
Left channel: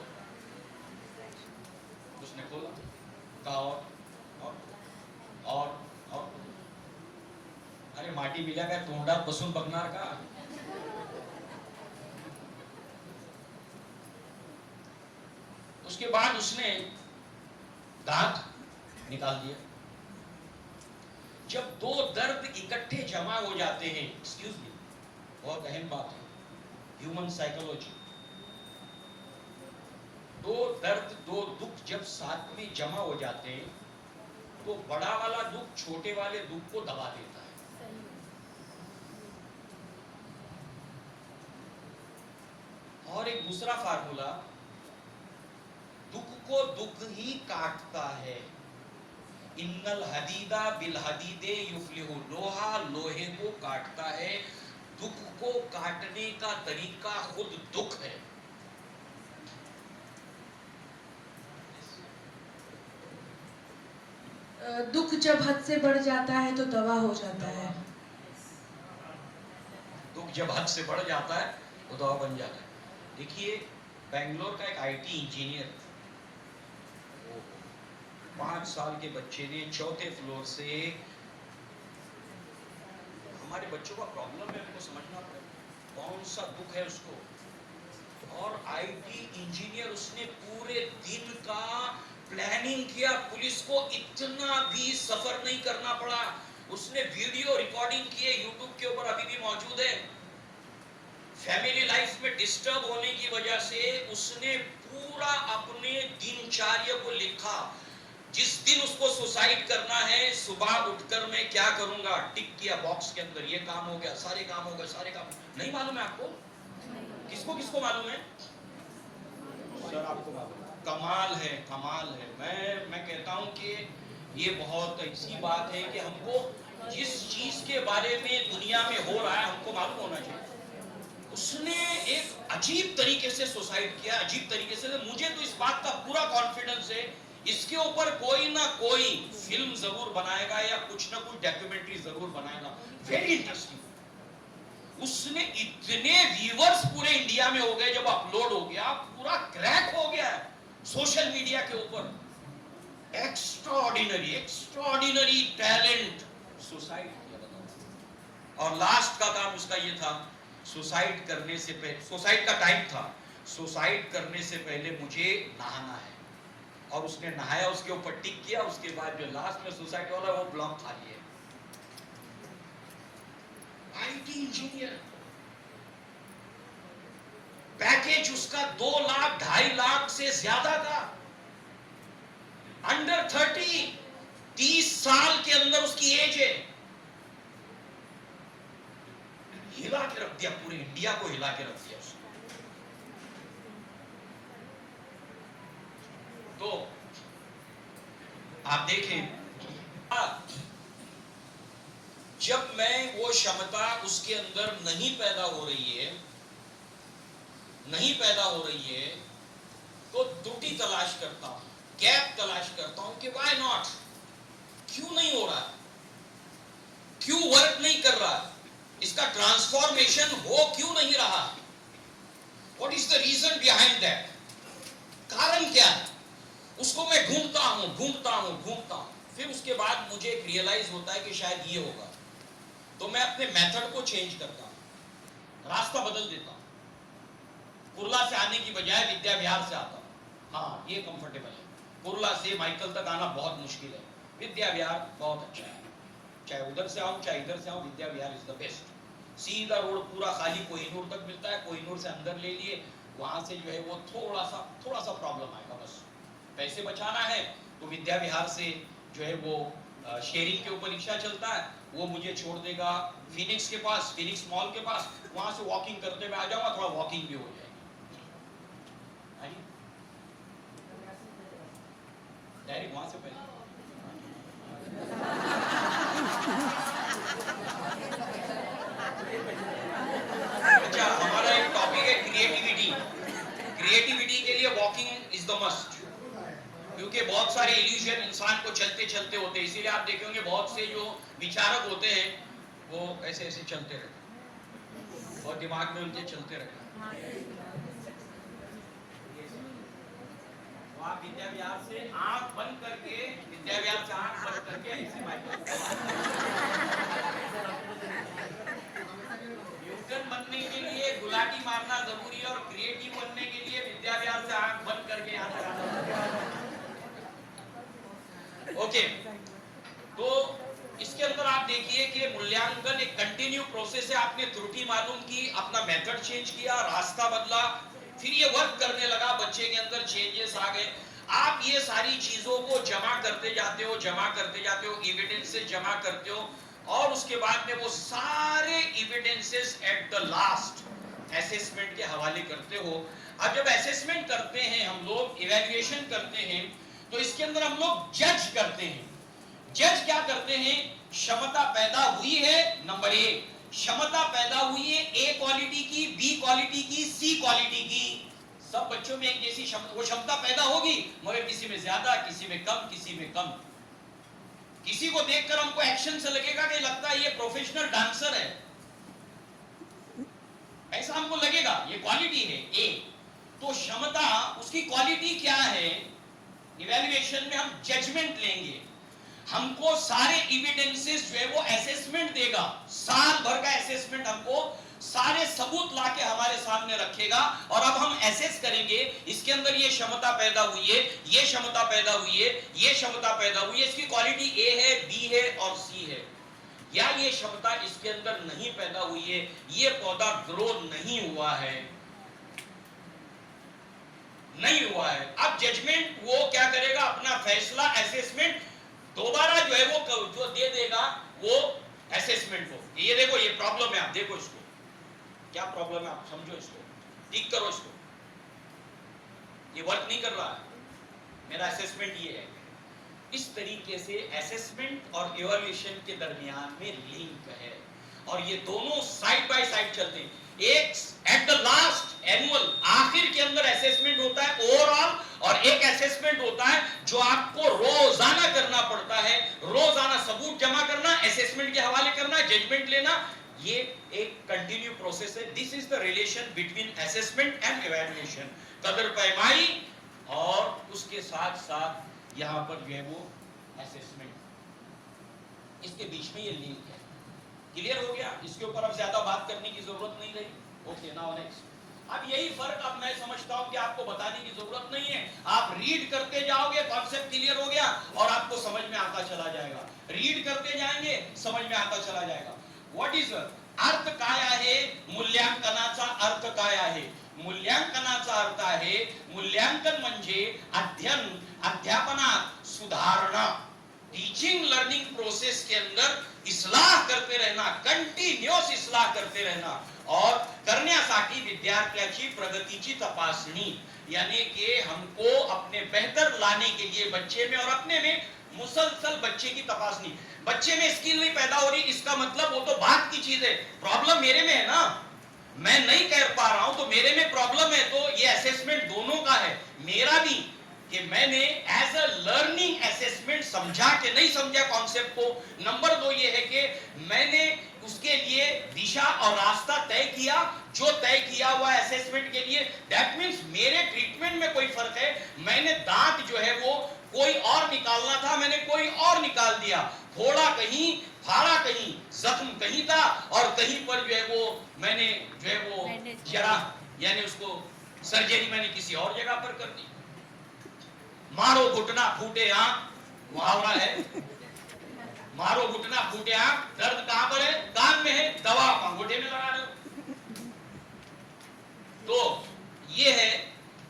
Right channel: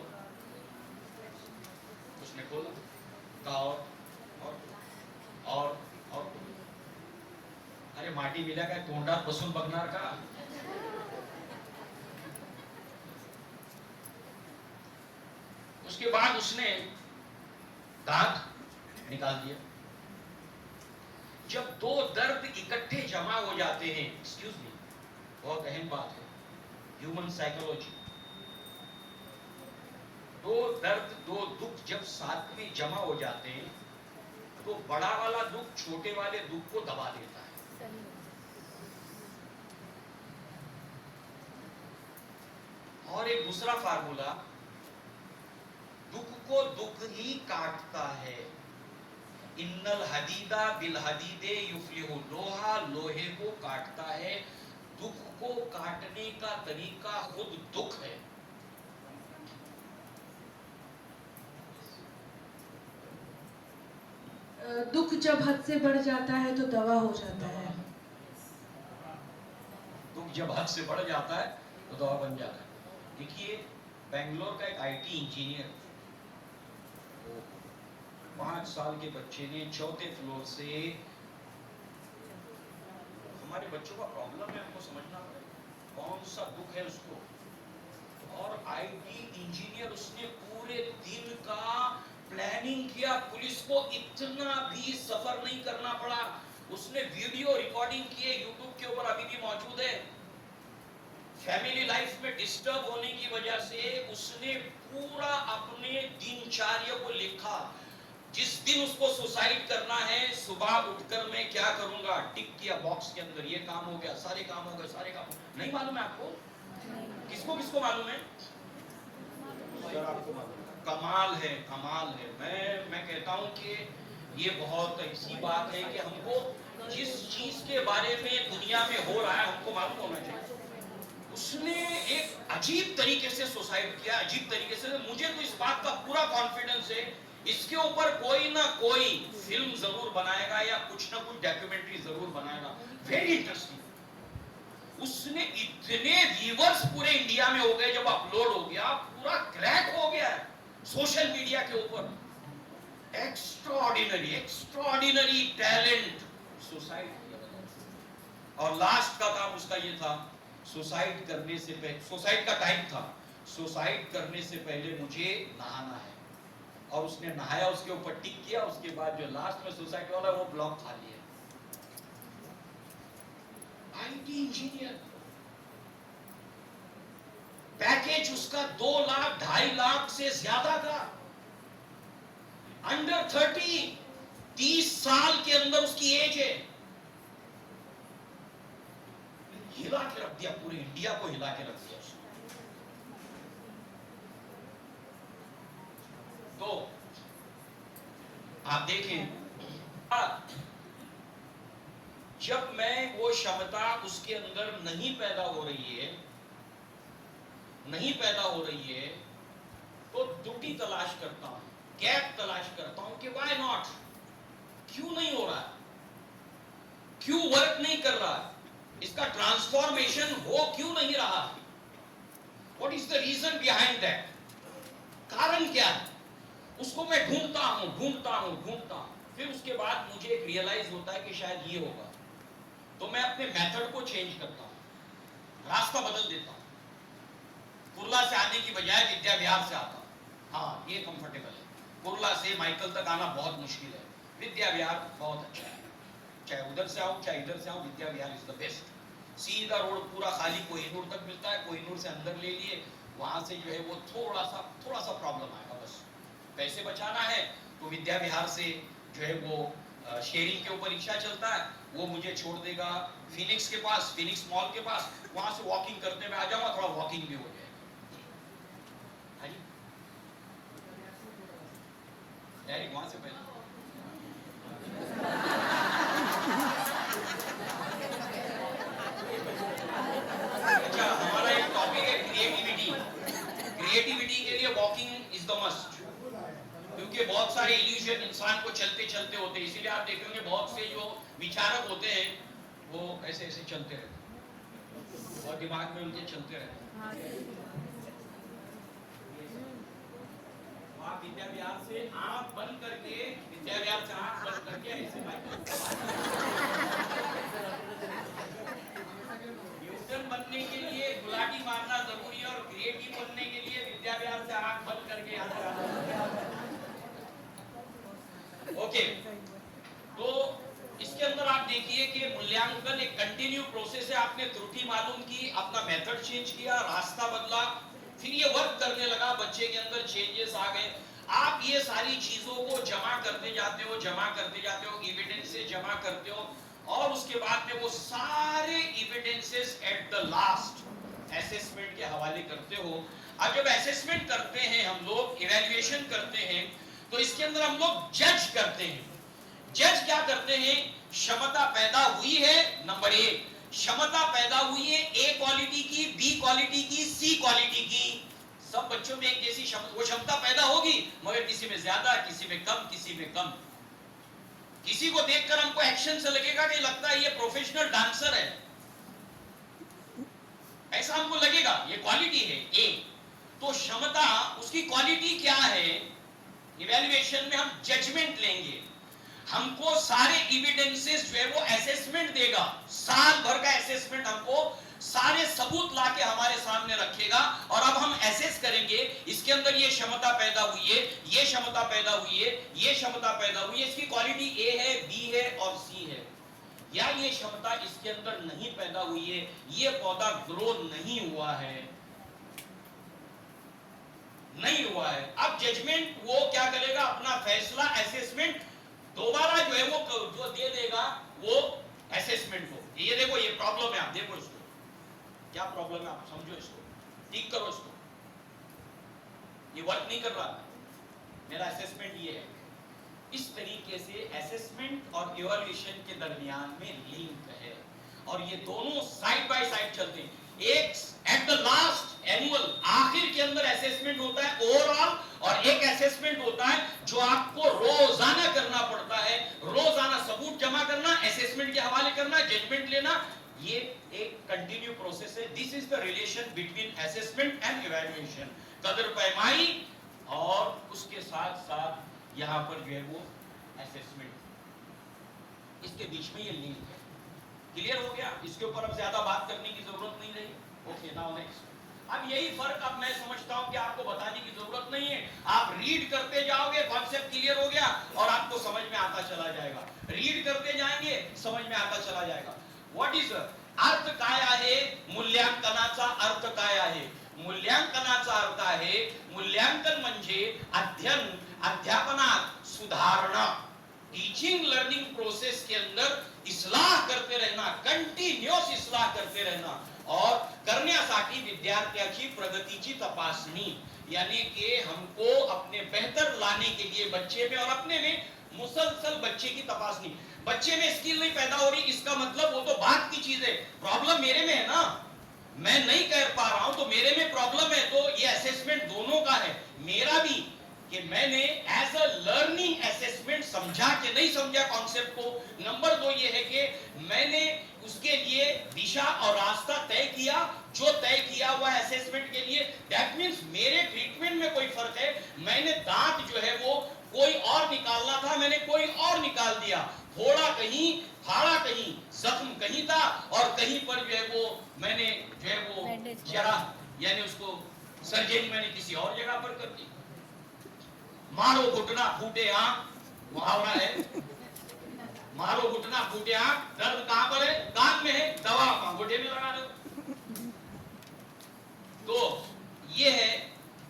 उसने खोल कहा और अरे माटी मिला का तोंडा बसून बगनार का। उसके बाद उसने दांत निकाल दिया। जब दो दर्द इकट्ठे जमा हो जाते हैं, एक्सक्यूज मी, बहुत अहम बात है, ह्यूमन साइकोलॉजी, दो दर्द दो दुख जब साथ में जमा हो जाते हैं तो बड़ा वाला दुख छोटे वाले दुख को दबा देता है। और एक दूसरा फार्मूला, दुख को दुख ही काटता है। इन्नल हदीदा बिल हदीदे युफ्लिहु, लोहा लोहे को काटता है। दुख को काटने का तरीका खुद दुख है। दुख जब हद से बढ़ जाता है तो दवा हो जाता है। दुख जब हद से बढ़ जाता है तो दवा बन जाता है। देखिए, बेंगलोर का एक आईटी इंजीनियर, 5 साल के बच्चे ने 4थे फ्लोर से, हमारे बच्चों का प्रॉब्लम है, हमको समझना पड़ेगा कौन सा दुख है उसको। और आईटी इंजीनियर, उसने पूरे दिन का प्लानिंग किया, पुलिस को इतना भी सफर नहीं करना पड़ा। उसने वीडियो रिकॉर्डिंग किए, यूट्यूब के ऊपर अभी भी मौजूद है। फैमिली लाइफ में डिस्टर्ब होने की वजह से उसने पूरा अपने दिनचर्या को लिखा। जिस दिन उसको सुसाइड करना है, सुबह उठकर मैं क्या करूंगा, टिक किया बॉक्स के अंदर, ये काम हो गया, सारे काम हो गए, सारे काम। नहीं मालूम है आपको? किसको किसको मालूम है? सर आपको मालूम है? कमाल है, कमाल है। मैं कहता हूं कि ये बहुत ऐसी बात है कि हमको जिस चीज के बारे में दुनिया में हो रहा है हमको मालूम होना चाहिए। उसने एक अजीब तरीके से सुसाइड किया, अजीब तरीके से। मुझे तो इस बात का पूरा कॉन्फिडेंस है, इसके ऊपर कोई ना कोई फिल्म जरूर बनाएगा या कुछ ना कुछ डॉक्यूमेंट्री जरूर बनाएगा। Very interesting. उसने इतने व्यूअर्स पूरे इंडिया में हो गए, जब अपलोड हो गया पूरा क्रैक हो गया सोशल मीडिया के ऊपर। एक्स्ट्राऑर्डिनरी, एक्स्ट्राऑर्डिनरी टैलेंट, सुसाइड किया। और लास्ट का काम उसका ये था, सुसाइड करने से पहले, सुसाइड का टाइम था, सुसाइड करने से पहले मुझे नहाना है। और उसने नहाया, उसके ऊपर टिक किया। उसके बाद जो लास्ट में सुसाइड वाला वो ब्लॉक खाली है। आईटी इंजीनियर, पैकेज उसका 2 लाख 2.5 लाख से ज्यादा था। अंडर 30, 30 साल के अंदर उसकी एज है। हिला के रख दिया, पूरे इंडिया को हिला के रख दिया उसने। तो आप देखें, जब मैं वो क्षमता उसके अंदर नहीं पैदा हो रही है, नहीं पैदा हो रही है, तो त्रुटि तलाश करता हूं, गैप तलाश करता हूं कि व्हाई नॉट, क्यों नहीं हो रहा, क्यों वर्क नहीं कर रहा, इसका ट्रांसफॉर्मेशन हो क्यों नहीं रहा, what is the reason behind that, कारण क्या है, उसको मैं ढूंढता हूं। फिर उसके बाद मुझे एक रियलाइज होता है कि शायद ये होगा, तो मैं अपने मेथड को चेंज करता हूं, रास्ता बदल देता हूं। कुर्ला से आने की बजाय विद्या विहार से आता हूं। हाँ, ये कंफर्टेबल है। कुर्ला से माइकल तक आना बहुत मुश्किल है, विद्या विहार बहुत अच्छा है। चाहे उधर से आओ चाहे इधर से आओ, Vidya Vihar is the best. सीधा रोड पूरा खाली कोहिनूर तक मिलता है, कोहिनूर से अंदर ले लिए, वहां से जो है वो थोड़ा सा प्रॉब्लम आएगा, बस पैसे बचाना है तो विद्या विहार से जो है वो शेयरिंग के ऊपर रिक्शा चलता है, वो मुझे छोड़ देगा फिनिक्स के पास, फिनिक्स मॉल के पास, वहां से वॉकिंग करते हुए आ जाऊंगा, थोड़ा वॉकिंग भी हो जाएगी। डायरेक्ट वहां से पहले अच्छा, हमारा एक टॉपिक है क्रिएटिविटी। क्रिएटिविटी के लिए वॉकिंग इज द मस्ट। उनके बहुत सारे इल्यूजन इंसान को चलते चलते होते हैं, इसीलिए आप देखेंगे बहुत से जो विचारक होते हैं वो ऐसे ऐसे चलते रहते और दिमाग में उनके चलते रहते। आप विद्या विहार से आंख बंद करके, विद्या विहार से आंख बंद करके ऐसे न्यूटन बनने के लिए गुलाटी मारना जरूरी है और क्रिएटिव बनने के लिए विद्या विहार से आंख बंद करके यहाँ तक आना। ओके, तो इसके अंदर आप देखिए कि मूल्यांकन एक कंटिन्यू प्रोसेस है। आपने त्रुटि मालूम की, अपना मेथड चेंज किया, रास्ता बदला, फिर ये वर्क करने लगा, बच्चे के अंदर चेंजेस आ गए। आप ये सारी चीजों को जमा करते जाते हो, जमा करते जाते हो, एविडेंसेस जमा करते हो और उसके बाद में वो सारे evidences at the last assessment के हवाले करते हो। अब जब असेसमेंट करते हैं हम लोग, इवैल्यूएशन करते हैं, तो इसके अंदर हम लोग जज करते हैं। जज क्या करते हैं? क्षमता पैदा हुई है, नंबर 1 क्षमता पैदा हुई है ए क्वालिटी की, बी क्वालिटी की, सी क्वालिटी की। सब बच्चों में एक जैसी वो क्षमता पैदा होगी, मगर किसी में ज्यादा, किसी में कम, किसी में कम। किसी को देखकर हमको एक्शन से लगेगा कि लगता है ये प्रोफेशनल डांसर है, ऐसा हमको लगेगा, ये क्वालिटी है ए। तो क्षमता, उसकी क्वालिटी क्या है? इवैल्यूएशन में हम जजमेंट लेंगे, हमको सारे एविडेंसेस जो है वो असेसमेंट देगा, साल भर का असेसमेंट हमको सारे सबूत लाके हमारे सामने रखेगा और अब हम असेस करेंगे इसके अंदर ये क्षमता पैदा हुई है, ये क्षमता पैदा हुई है, ये क्षमता पैदा हुई है, इसकी क्वालिटी ए है, बी है और सी है, या ये क्षमता इसके अंदर नहीं पैदा हुई है, ये पौधा ग्रो नहीं हुआ है, नहीं हुआ है। अब जजमेंट वो क्या करेगा? अपना फैसला असेसमेंट दोबारा जो है वो जो दे देगा वो असेसमेंट को, ये देखो ये प्रॉब्लम है, आप देखो इसको क्या प्रॉब्लम है, आप समझो इसको, ठीक करो इसको, ये वर्क नहीं कर रहा है, मेरा असेसमेंट ये है। इस तरीके से असेसमेंट और इवैल्यूएशन के दरमियान में लिंक है और ये दोनों साइड बाय साइड चलते हैं। एक एट द लास्ट एनुअल, आखिर के अंदर असेसमेंट होता है ओवरऑल, और एक असेसमेंट होता है जो आपको रोजाना करना पड़ता है, रोजाना सबूत जमा करना, असेसमेंट के हवाले करना, जजमेंट लेना। ये एक कंटिन्यू प्रोसेस है। This is the relation between assessment and evaluation. कदर पैमाई और उसके साथ साथ यहां पर जो है वो असेसमेंट, इसके बीच में ये लिंक है। क्लियर हो गया? इसके ऊपर अब ज्यादा बात करने की जरूरत नहीं रही। Okay, now next. अब यही फर्क अब मैं समझता हूं कि आपको बताने की जरूरत नहीं है, आप रीड करते जाओगे, कॉन्सेप्ट क्लियर हो गया और आपको समझ में आता चला जाएगा। रीड करते जाएंगे, समझ में आता चला जाएगा। व्हाट इज अर्थ काय आहे? मूल्यांकनाचा अर्थ काय आहे? मूल्यांकनाचा अर्थ आहे, मूल्यांकन म्हणजे अध्ययन, अध्यापनात सुधारणा, टीचिंग लर्निंग प्रोसेस के अंदर इस्लाह करते रहना, कंटिन्यूअस इस्लाह करते रहना और करण्यासाठी विद्यार्थ्याची प्रगतीची तपासणी, यानी कि हमको अपने बेहतर लाने के लिए बच्चे में और अपने में मुसलसल बच्चे की तपासनी। बच्चे में स्किल नहीं पैदा हो रही, इसका मतलब वो तो बात की चीज है, प्रॉब्लम मेरे में है ना, मैं नहीं कर पा रहा हूं तो मेरे में प्रॉब्लम है। तो ये असेसमेंट दोनों का है, मेरा भी कि मैंने एज अ लर्निंग असेसमेंट समझा कि नहीं समझा कॉन्सेप्ट को। नंबर 2 ये है कि मैंने उसके लिए दिशा और रास्ता तय किया, जो तय किया हुआ असेसमेंट के लिए। दैट मींस मेरे ट्रीटमेंट में कोई फर्क है, मैंने दांत जो है वो कोई और निकालना था, मैंने कोई और निकाल दिया, फोड़ा कहीं, फाड़ा कहीं, जख्म कहीं था और कहीं पर जो है वो मैंने जो है वो जरा यानी उसको सर्जरी मैंने किसी और जगह पर कर दी। मारो घुटना फूटे आंख, मुहावरा है, मारो घुटना फूटे आंख, दर्द कहां पर है? कान में है, दवा अंगूठे में लगा रहे हो। तो ये है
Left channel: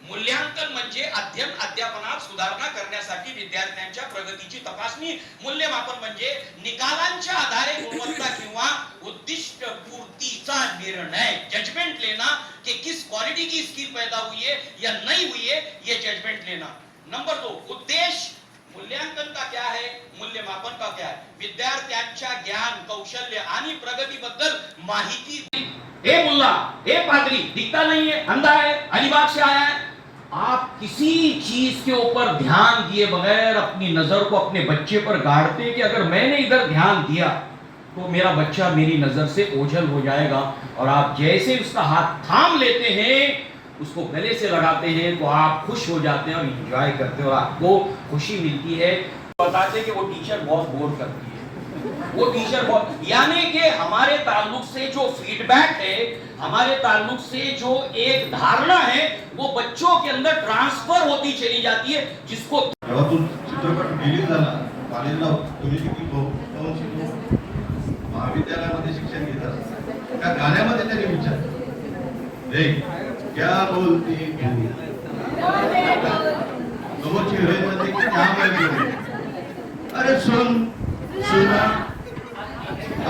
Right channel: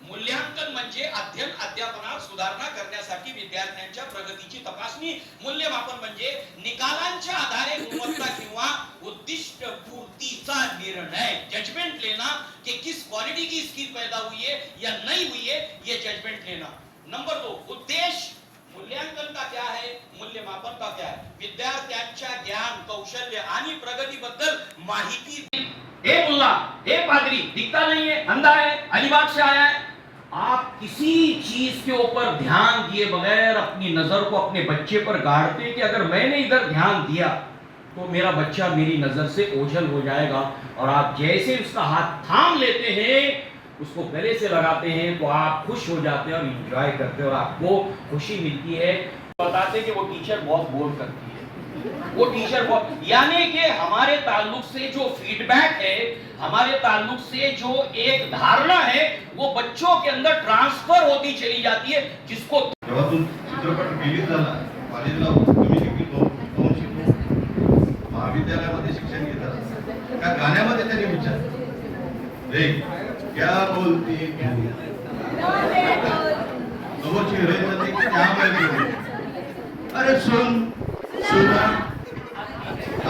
मूल्यांकन म्हणजे अध्ययन, अध्यापनात सुधारणा करण्यासाठी विद्यार्थ्यांच्या प्रगतीची तपासणी। मूल्यमापन म्हणजे निकालांच्या आधारे गुणवत्ता किंवा उद्दिष्ट पूर्तीचा निर्णय, जजमेंट लेना कि किस क्वालिटी की स्किल पैदा हुई है या नहीं हुई है, ये जजमेंट लेना। नंबर 2 उद्देश्य, मूल्यांकन का क्या है, मूल्यमापन का क्या है? विद्यार्थ्यांच्या ज्ञान, कौशल्य आणि प्रगतीबद्दल माहिती। ए मुल्ला, ए पादरी, दिखता नहीं है, अंधा है, अलीबाग से आया है, आप किसी चीज के ऊपर ध्यान दिए बगैर अपनी नजर को अपने बच्चे पर गाड़ते कि अगर मैंने इधर ध्यान दिया तो मेरा बच्चा मेरी नजर से ओझल हो जाएगा, और आप जैसे उसका हाथ थाम लेते हैं, उसको गले से लगाते हैं, तो आप खुश हो जाते हैं और इंजॉय करते हैं और आपको खुशी मिलती है। बताते हैं कि वो टीचर बहुत बोर करती है, वो टीचर बहुत, यानी कि हमारे ताल्लुक से जो फीडबैक है, हमारे ताल्लुक से जो एक धारणा है, वो बच्चों के अंदर ट्रांसफर होती चली जाती है, जिसको जेव्हा तू चित्रपट रिलीज झाला कॉलेजला तुम्ही किती दोन शिकलो महाविद्यालयामध्ये शिक्षण घेत असताना त्या गाण्यामध्ये त्यांनी विचार रे क्या बोलती समोरची रेंजमध्ये की महागाई अरे सुन सुना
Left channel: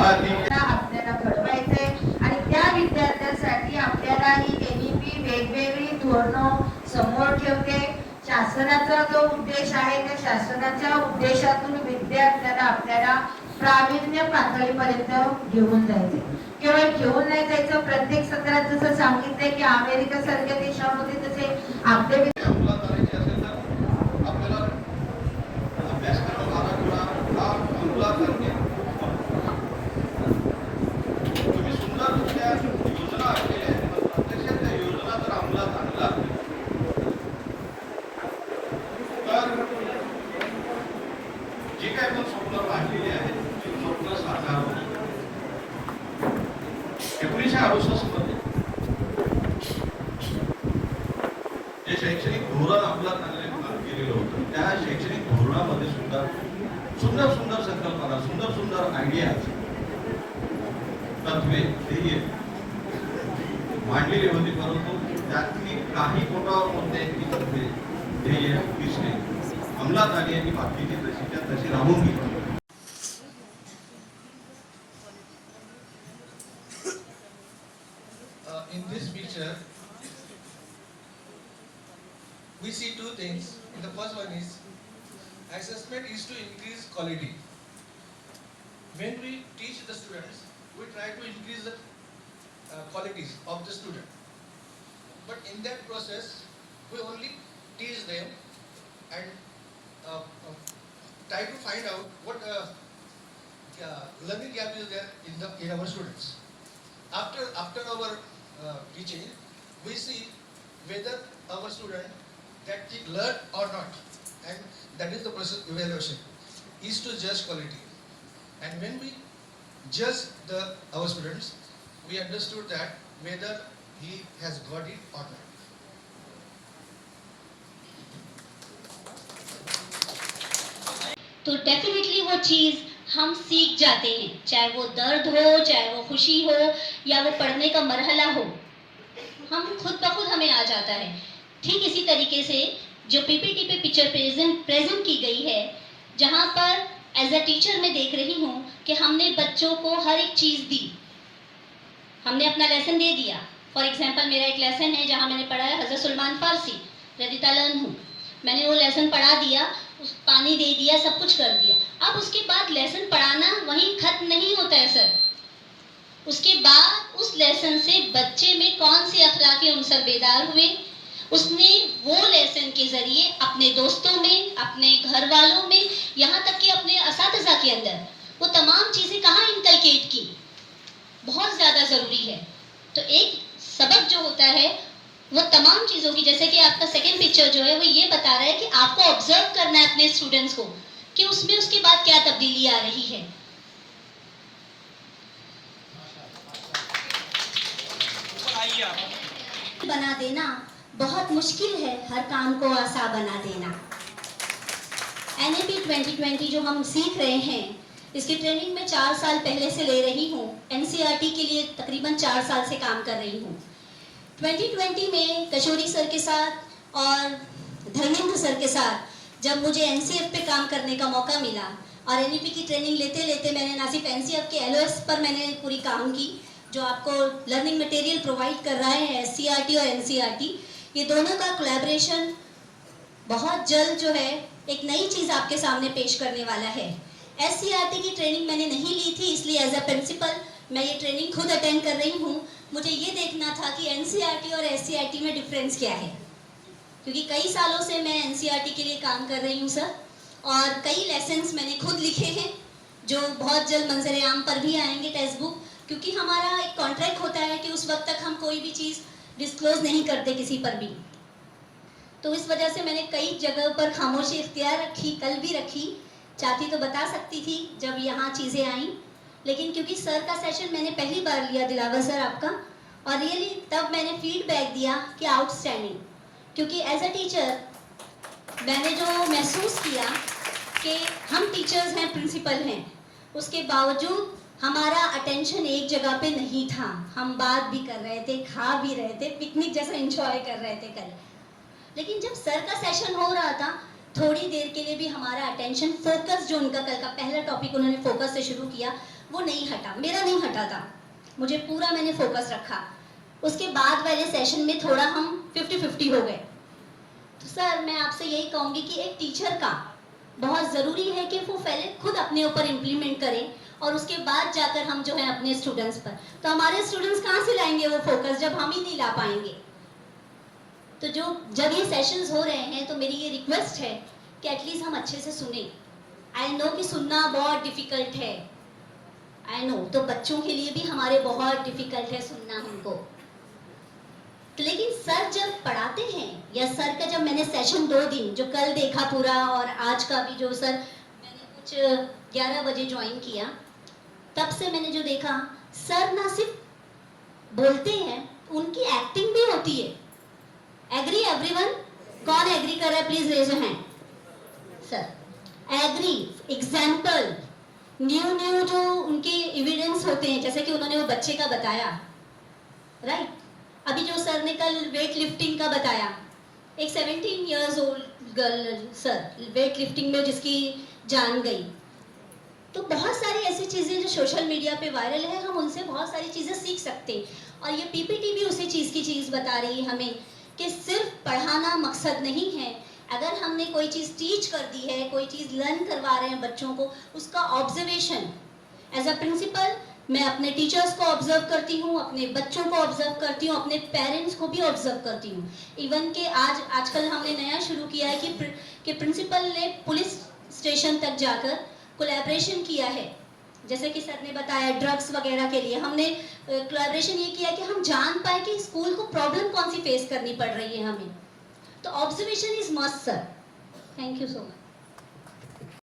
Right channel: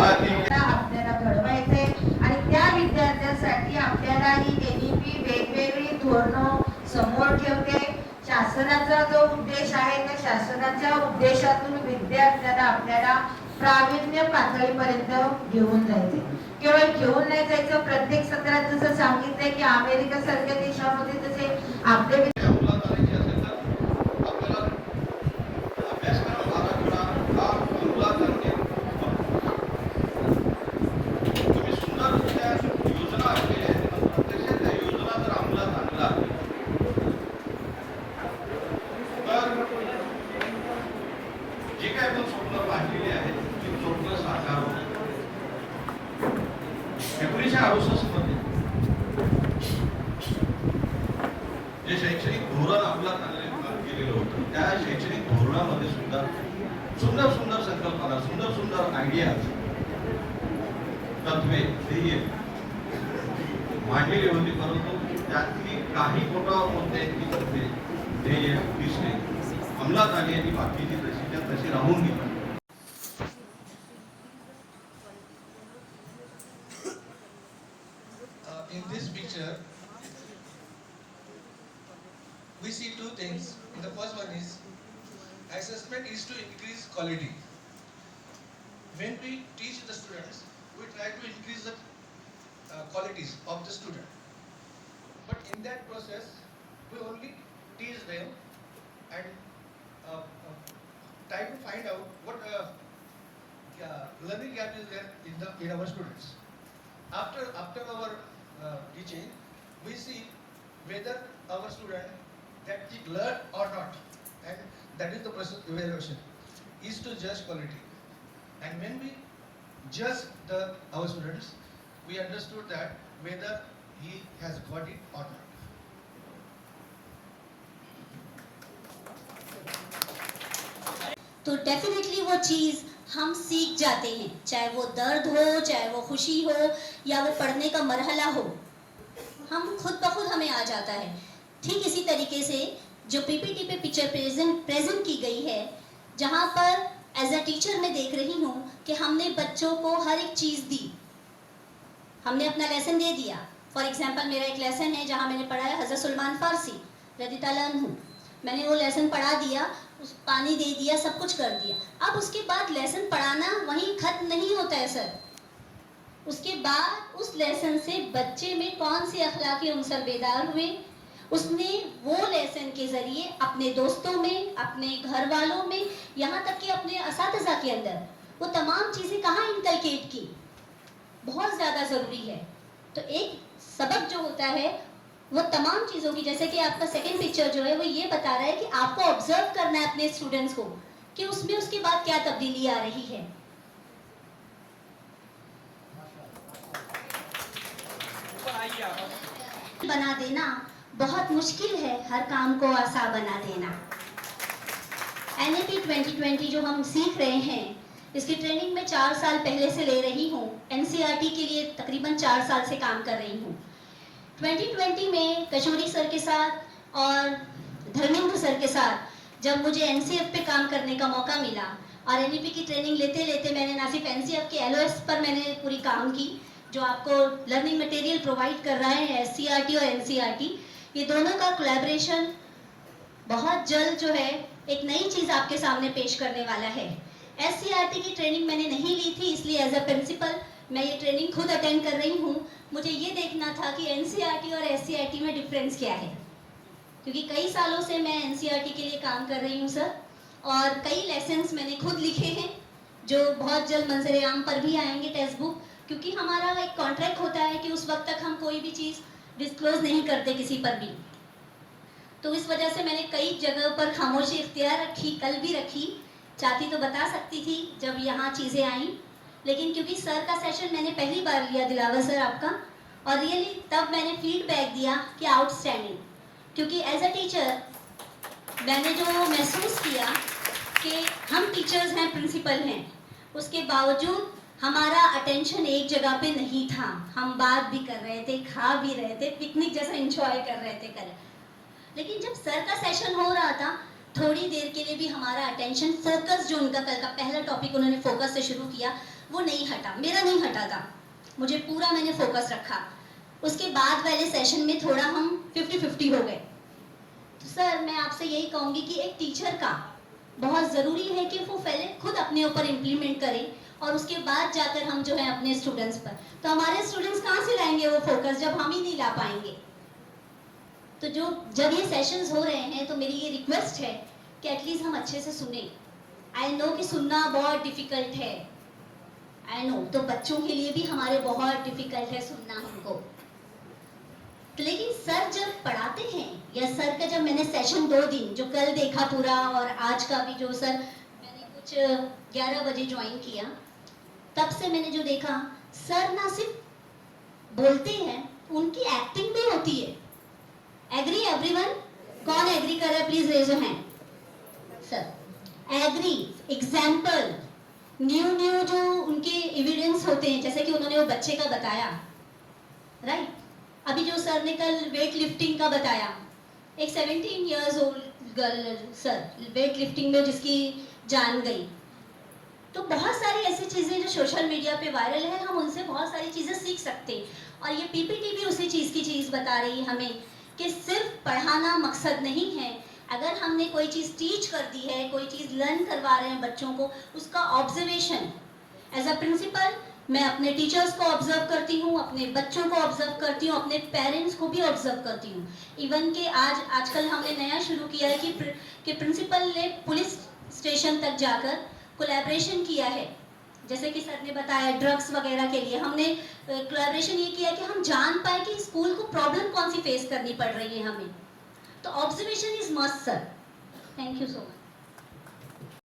आपल्याला घडवायचंय आणि त्या विद्यार्थ्यांसाठी आपल्यालाही एनईपी वेगवेगळी धोरणं समोर ठेवते. शासनाचा जो उद्देश आहे त्या शासनाच्या उद्देशातून विद्यार्थ्यांना आपल्याला प्रावीण्य पातळीपर्यंत घेऊन जायचं. केवळ घेऊन नाही जायचं, प्रत्येक सत्रात जसं सांगितलंय की अमेरिका सारख्या देशामध्ये तसे आपले जे काय आपण स्वप्न पाहिलेली आहेत ते स्वप्न साकार होतं. 1968 मध्ये जे शैक्षणिक धोरण अंमलात केलेलं होतं त्या शैक्षणिक धोरणामध्ये सुद्धा सुंदर सुंदर संकल्पना, सुंदर सुंदर आयडिया, तत्वे, ध्येय मांडलेली होती, परंतु त्यातली काही पोटावर कोणत्याही तत्वे, ध्येय, विषय अंमलात आली आणि बाकीची तशी राहून गेली. In this picture, we see two things. The first one is assessment is to increase quality. When we teach the students, we try to increase the qualities of the student. But in that process, we only teach them and try to find out what learning gap is there in our students. After our teaching, we see whether our student that he learned or not, and that is the process evaluation is to judge quality. And when we judge our students, we understood that whether he has got it or not. तो definitely वो चीज़ हम सीख जाते हैं, चाहे वो दर्द हो, चाहे वो खुशी हो, या वो पढ़ने का मरहला हो, हम खुद ब खुद हमें आ जाता है. ठीक इसी तरीके से जो पीपीटी पे पिक्चर प्रेजेंट की गई है, जहाँ पर एज अ टीचर मैं देख रही हूँ कि हमने बच्चों को हर एक चीज़ दी, हमने अपना लेसन दे दिया. फॉर एग्जाम्पल मेरा एक लेसन है जहाँ मैंने पढ़ा है हज़रत सलमान फारसी रज़ियल्लाहु अन्हु, मैंने वो लेसन पढ़ा दिया, पानी दे दिया, सब कुछ कर दिया. अब उसके बाद लेसन पढ़ाना वहीं खत्म नहीं होता है सर. उसके बाद उस लेसन से बच्चे में कौन से अखलाकी अंसर बेदार हुए, उसने वो लेसन के जरिए अपने दोस्तों में, अपने घर वालों में, यहाँ तक कि अपने असातिज़ा के अंदर वो तमाम चीज़ें कहाँ इनकलकेट की, बहुत ज़्यादा ज़रूरी है. तो एक सबक जो होता है वो तमाम चीज़ों की, जैसे कि आपका सेकंड पिक्चर जो है वो ये बता रहा है कि आपको ऑब्जर्व करना है अपने स्टूडेंट्स को कि उसमें उसके बाद क्या तब्दीली आ रही है. बना देना बहुत मुश्किल है, हर काम को आसान बना देना. NAP 2020 जो हम सीख रहे हैं, इसकी ट्रेनिंग में 4 साल पहले से ले रही हूँ. NCERT के लिए तकरीबन 4 साल से काम कर रही हूँ. 2020 में कशोरी सर के साथ और धर्मेंद्र सर के साथ जब मुझे NCF पे काम करने का मौका मिला और NEP की ट्रेनिंग लेते लेते मैंने ना सिर्फ NCF के LOS पर मैंने पूरी काम की, जो आपको लर्निंग मटेरियल प्रोवाइड कर रहा है SCERT और NCERT, ये दोनों का कोलैबोरेशन बहुत जल्द जो है एक नई चीज़ आपके सामने पेश करने वाला है. SCERT की ट्रेनिंग मैंने नहीं ली थी, इसलिए एज अ प्रिंसिपल मैं ये ट्रेनिंग खुद अटेंड कर रही हूँ. मुझे ये देखना था कि NCERT और SCERT में डिफरेंस क्या है. क्योंकि कई सालों से मैं एनसीईआरटी के लिए काम कर रही हूँ सर, और कई लेसन्स मैंने खुद लिखे हैं जो बहुत जल्द मंजर आम पर भी आएंगे टेक्स्ट बुक, क्योंकि हमारा एक कॉन्ट्रैक्ट होता है कि उस वक्त तक हम कोई भी चीज़ डिस्क्लोज नहीं करते किसी पर भी। तो इस वजह से मैंने कई जगह पर खामोशी इख्तियार रखी, कल भी रखी, चाहती तो बता सकती थी जब यहाँ चीज़ें आई, लेकिन क्योंकि सर का सेशन मैंने पहली बार लिया, दिलावर सर आपका, और रियली तब मैंने फीडबैक दिया कि आउटस्टैंडिंग, क्योंकि एज अ टीचर मैंने जो महसूस किया कि हम टीचर्स हैं, प्रिंसिपल हैं, उसके बावजूद हमारा अटेंशन एक जगह पे नहीं था। हम बात भी कर रहे थे, खा भी रहे थे, पिकनिक जैसा एंजॉय कर रहे थे कल, लेकिन जब सर का सेशन हो रहा था थोड़ी देर के लिए भी हमारा अटेंशन फोकस, जो उनका कल का पहला टॉपिक उन्होंने फोकस से शुरू किया, वो नहीं हटा, मेरा नहीं हटा था, मुझे पूरा मैंने फोकस रखा। उसके बाद वाले सेशन में थोड़ा हम 50-50 हो गए। तो सर मैं आपसे यही कहूँगी कि एक टीचर का बहुत ज़रूरी है कि वो पहले खुद अपने ऊपर इम्प्लीमेंट करें और उसके बाद जाकर हम जो है अपने स्टूडेंट्स पर। तो हमारे स्टूडेंट्स कहाँ से लाएंगे वो फोकस जब हम ही नहीं ला पाएंगे। तो जब ये सेशंस हो रहे हैं तो मेरी ये रिक्वेस्ट है कि एटलीस्ट हम अच्छे से सुने। आई नो कि सुनना बहुत डिफिकल्ट है, आई नो, तो बच्चों के लिए भी हमारे बहुत डिफिकल्ट है सुनना हमको। तो लेकिन सर जब पढ़ाते हैं, या सर का जब मैंने सेशन 2 दिन जो कल देखा पूरा और आज का भी जो सर मैंने कुछ 11 बजे ज्वाइन किया, तब से मैंने जो देखा, सर ना सिर्फ बोलते हैं, उनकी एक्टिंग भी होती है। Agree everyone? कौन एग्री कर रहा है please raise your hand. Sir agree, example, new जो उनके एविडेंस होते हैं, जैसे कि उन्होंने वो बच्चे का बताया, राइट? अभी जो सर ने कल वेट लिफ्टिंग का बताया, एक 17 years old girl sir weight lifting में जिसकी जान गई। तो बहुत सारी ऐसी चीज़ें जो सोशल मीडिया पे वायरल है, हम उनसे बहुत सारी चीज़ें सीख सकते हैं। और ये पीपीटी भी उसी चीज़ की चीज़ बता रही है हमें कि सिर्फ पढ़ाना मकसद नहीं है। अगर हमने कोई चीज़ टीच कर दी है, कोई चीज़ लर्न करवा रहे हैं बच्चों को, उसका ऑब्जर्वेशन एज अ प्रिंसिपल मैं अपने टीचर्स को ऑब्जर्व करती हूँ, अपने बच्चों को ऑब्जर्व करती हूँ, अपने पेरेंट्स को भी ऑब्जर्व करती हूँ। इवन के आजकल हमने नया शुरू किया है कि प्रिंसिपल ने पुलिस स्टेशन तक जाकर कोलैबोरेशन किया है। जैसे कि सर ने बताया ड्रग्स वगैरह के लिए हमने कोलैबोरेशन ये किया कि हम जान पाए कि स्कूल को प्रॉब्लम कौन सी फेस करनी पड़ रही है हमें। तो observation is must sir. Thank you so much.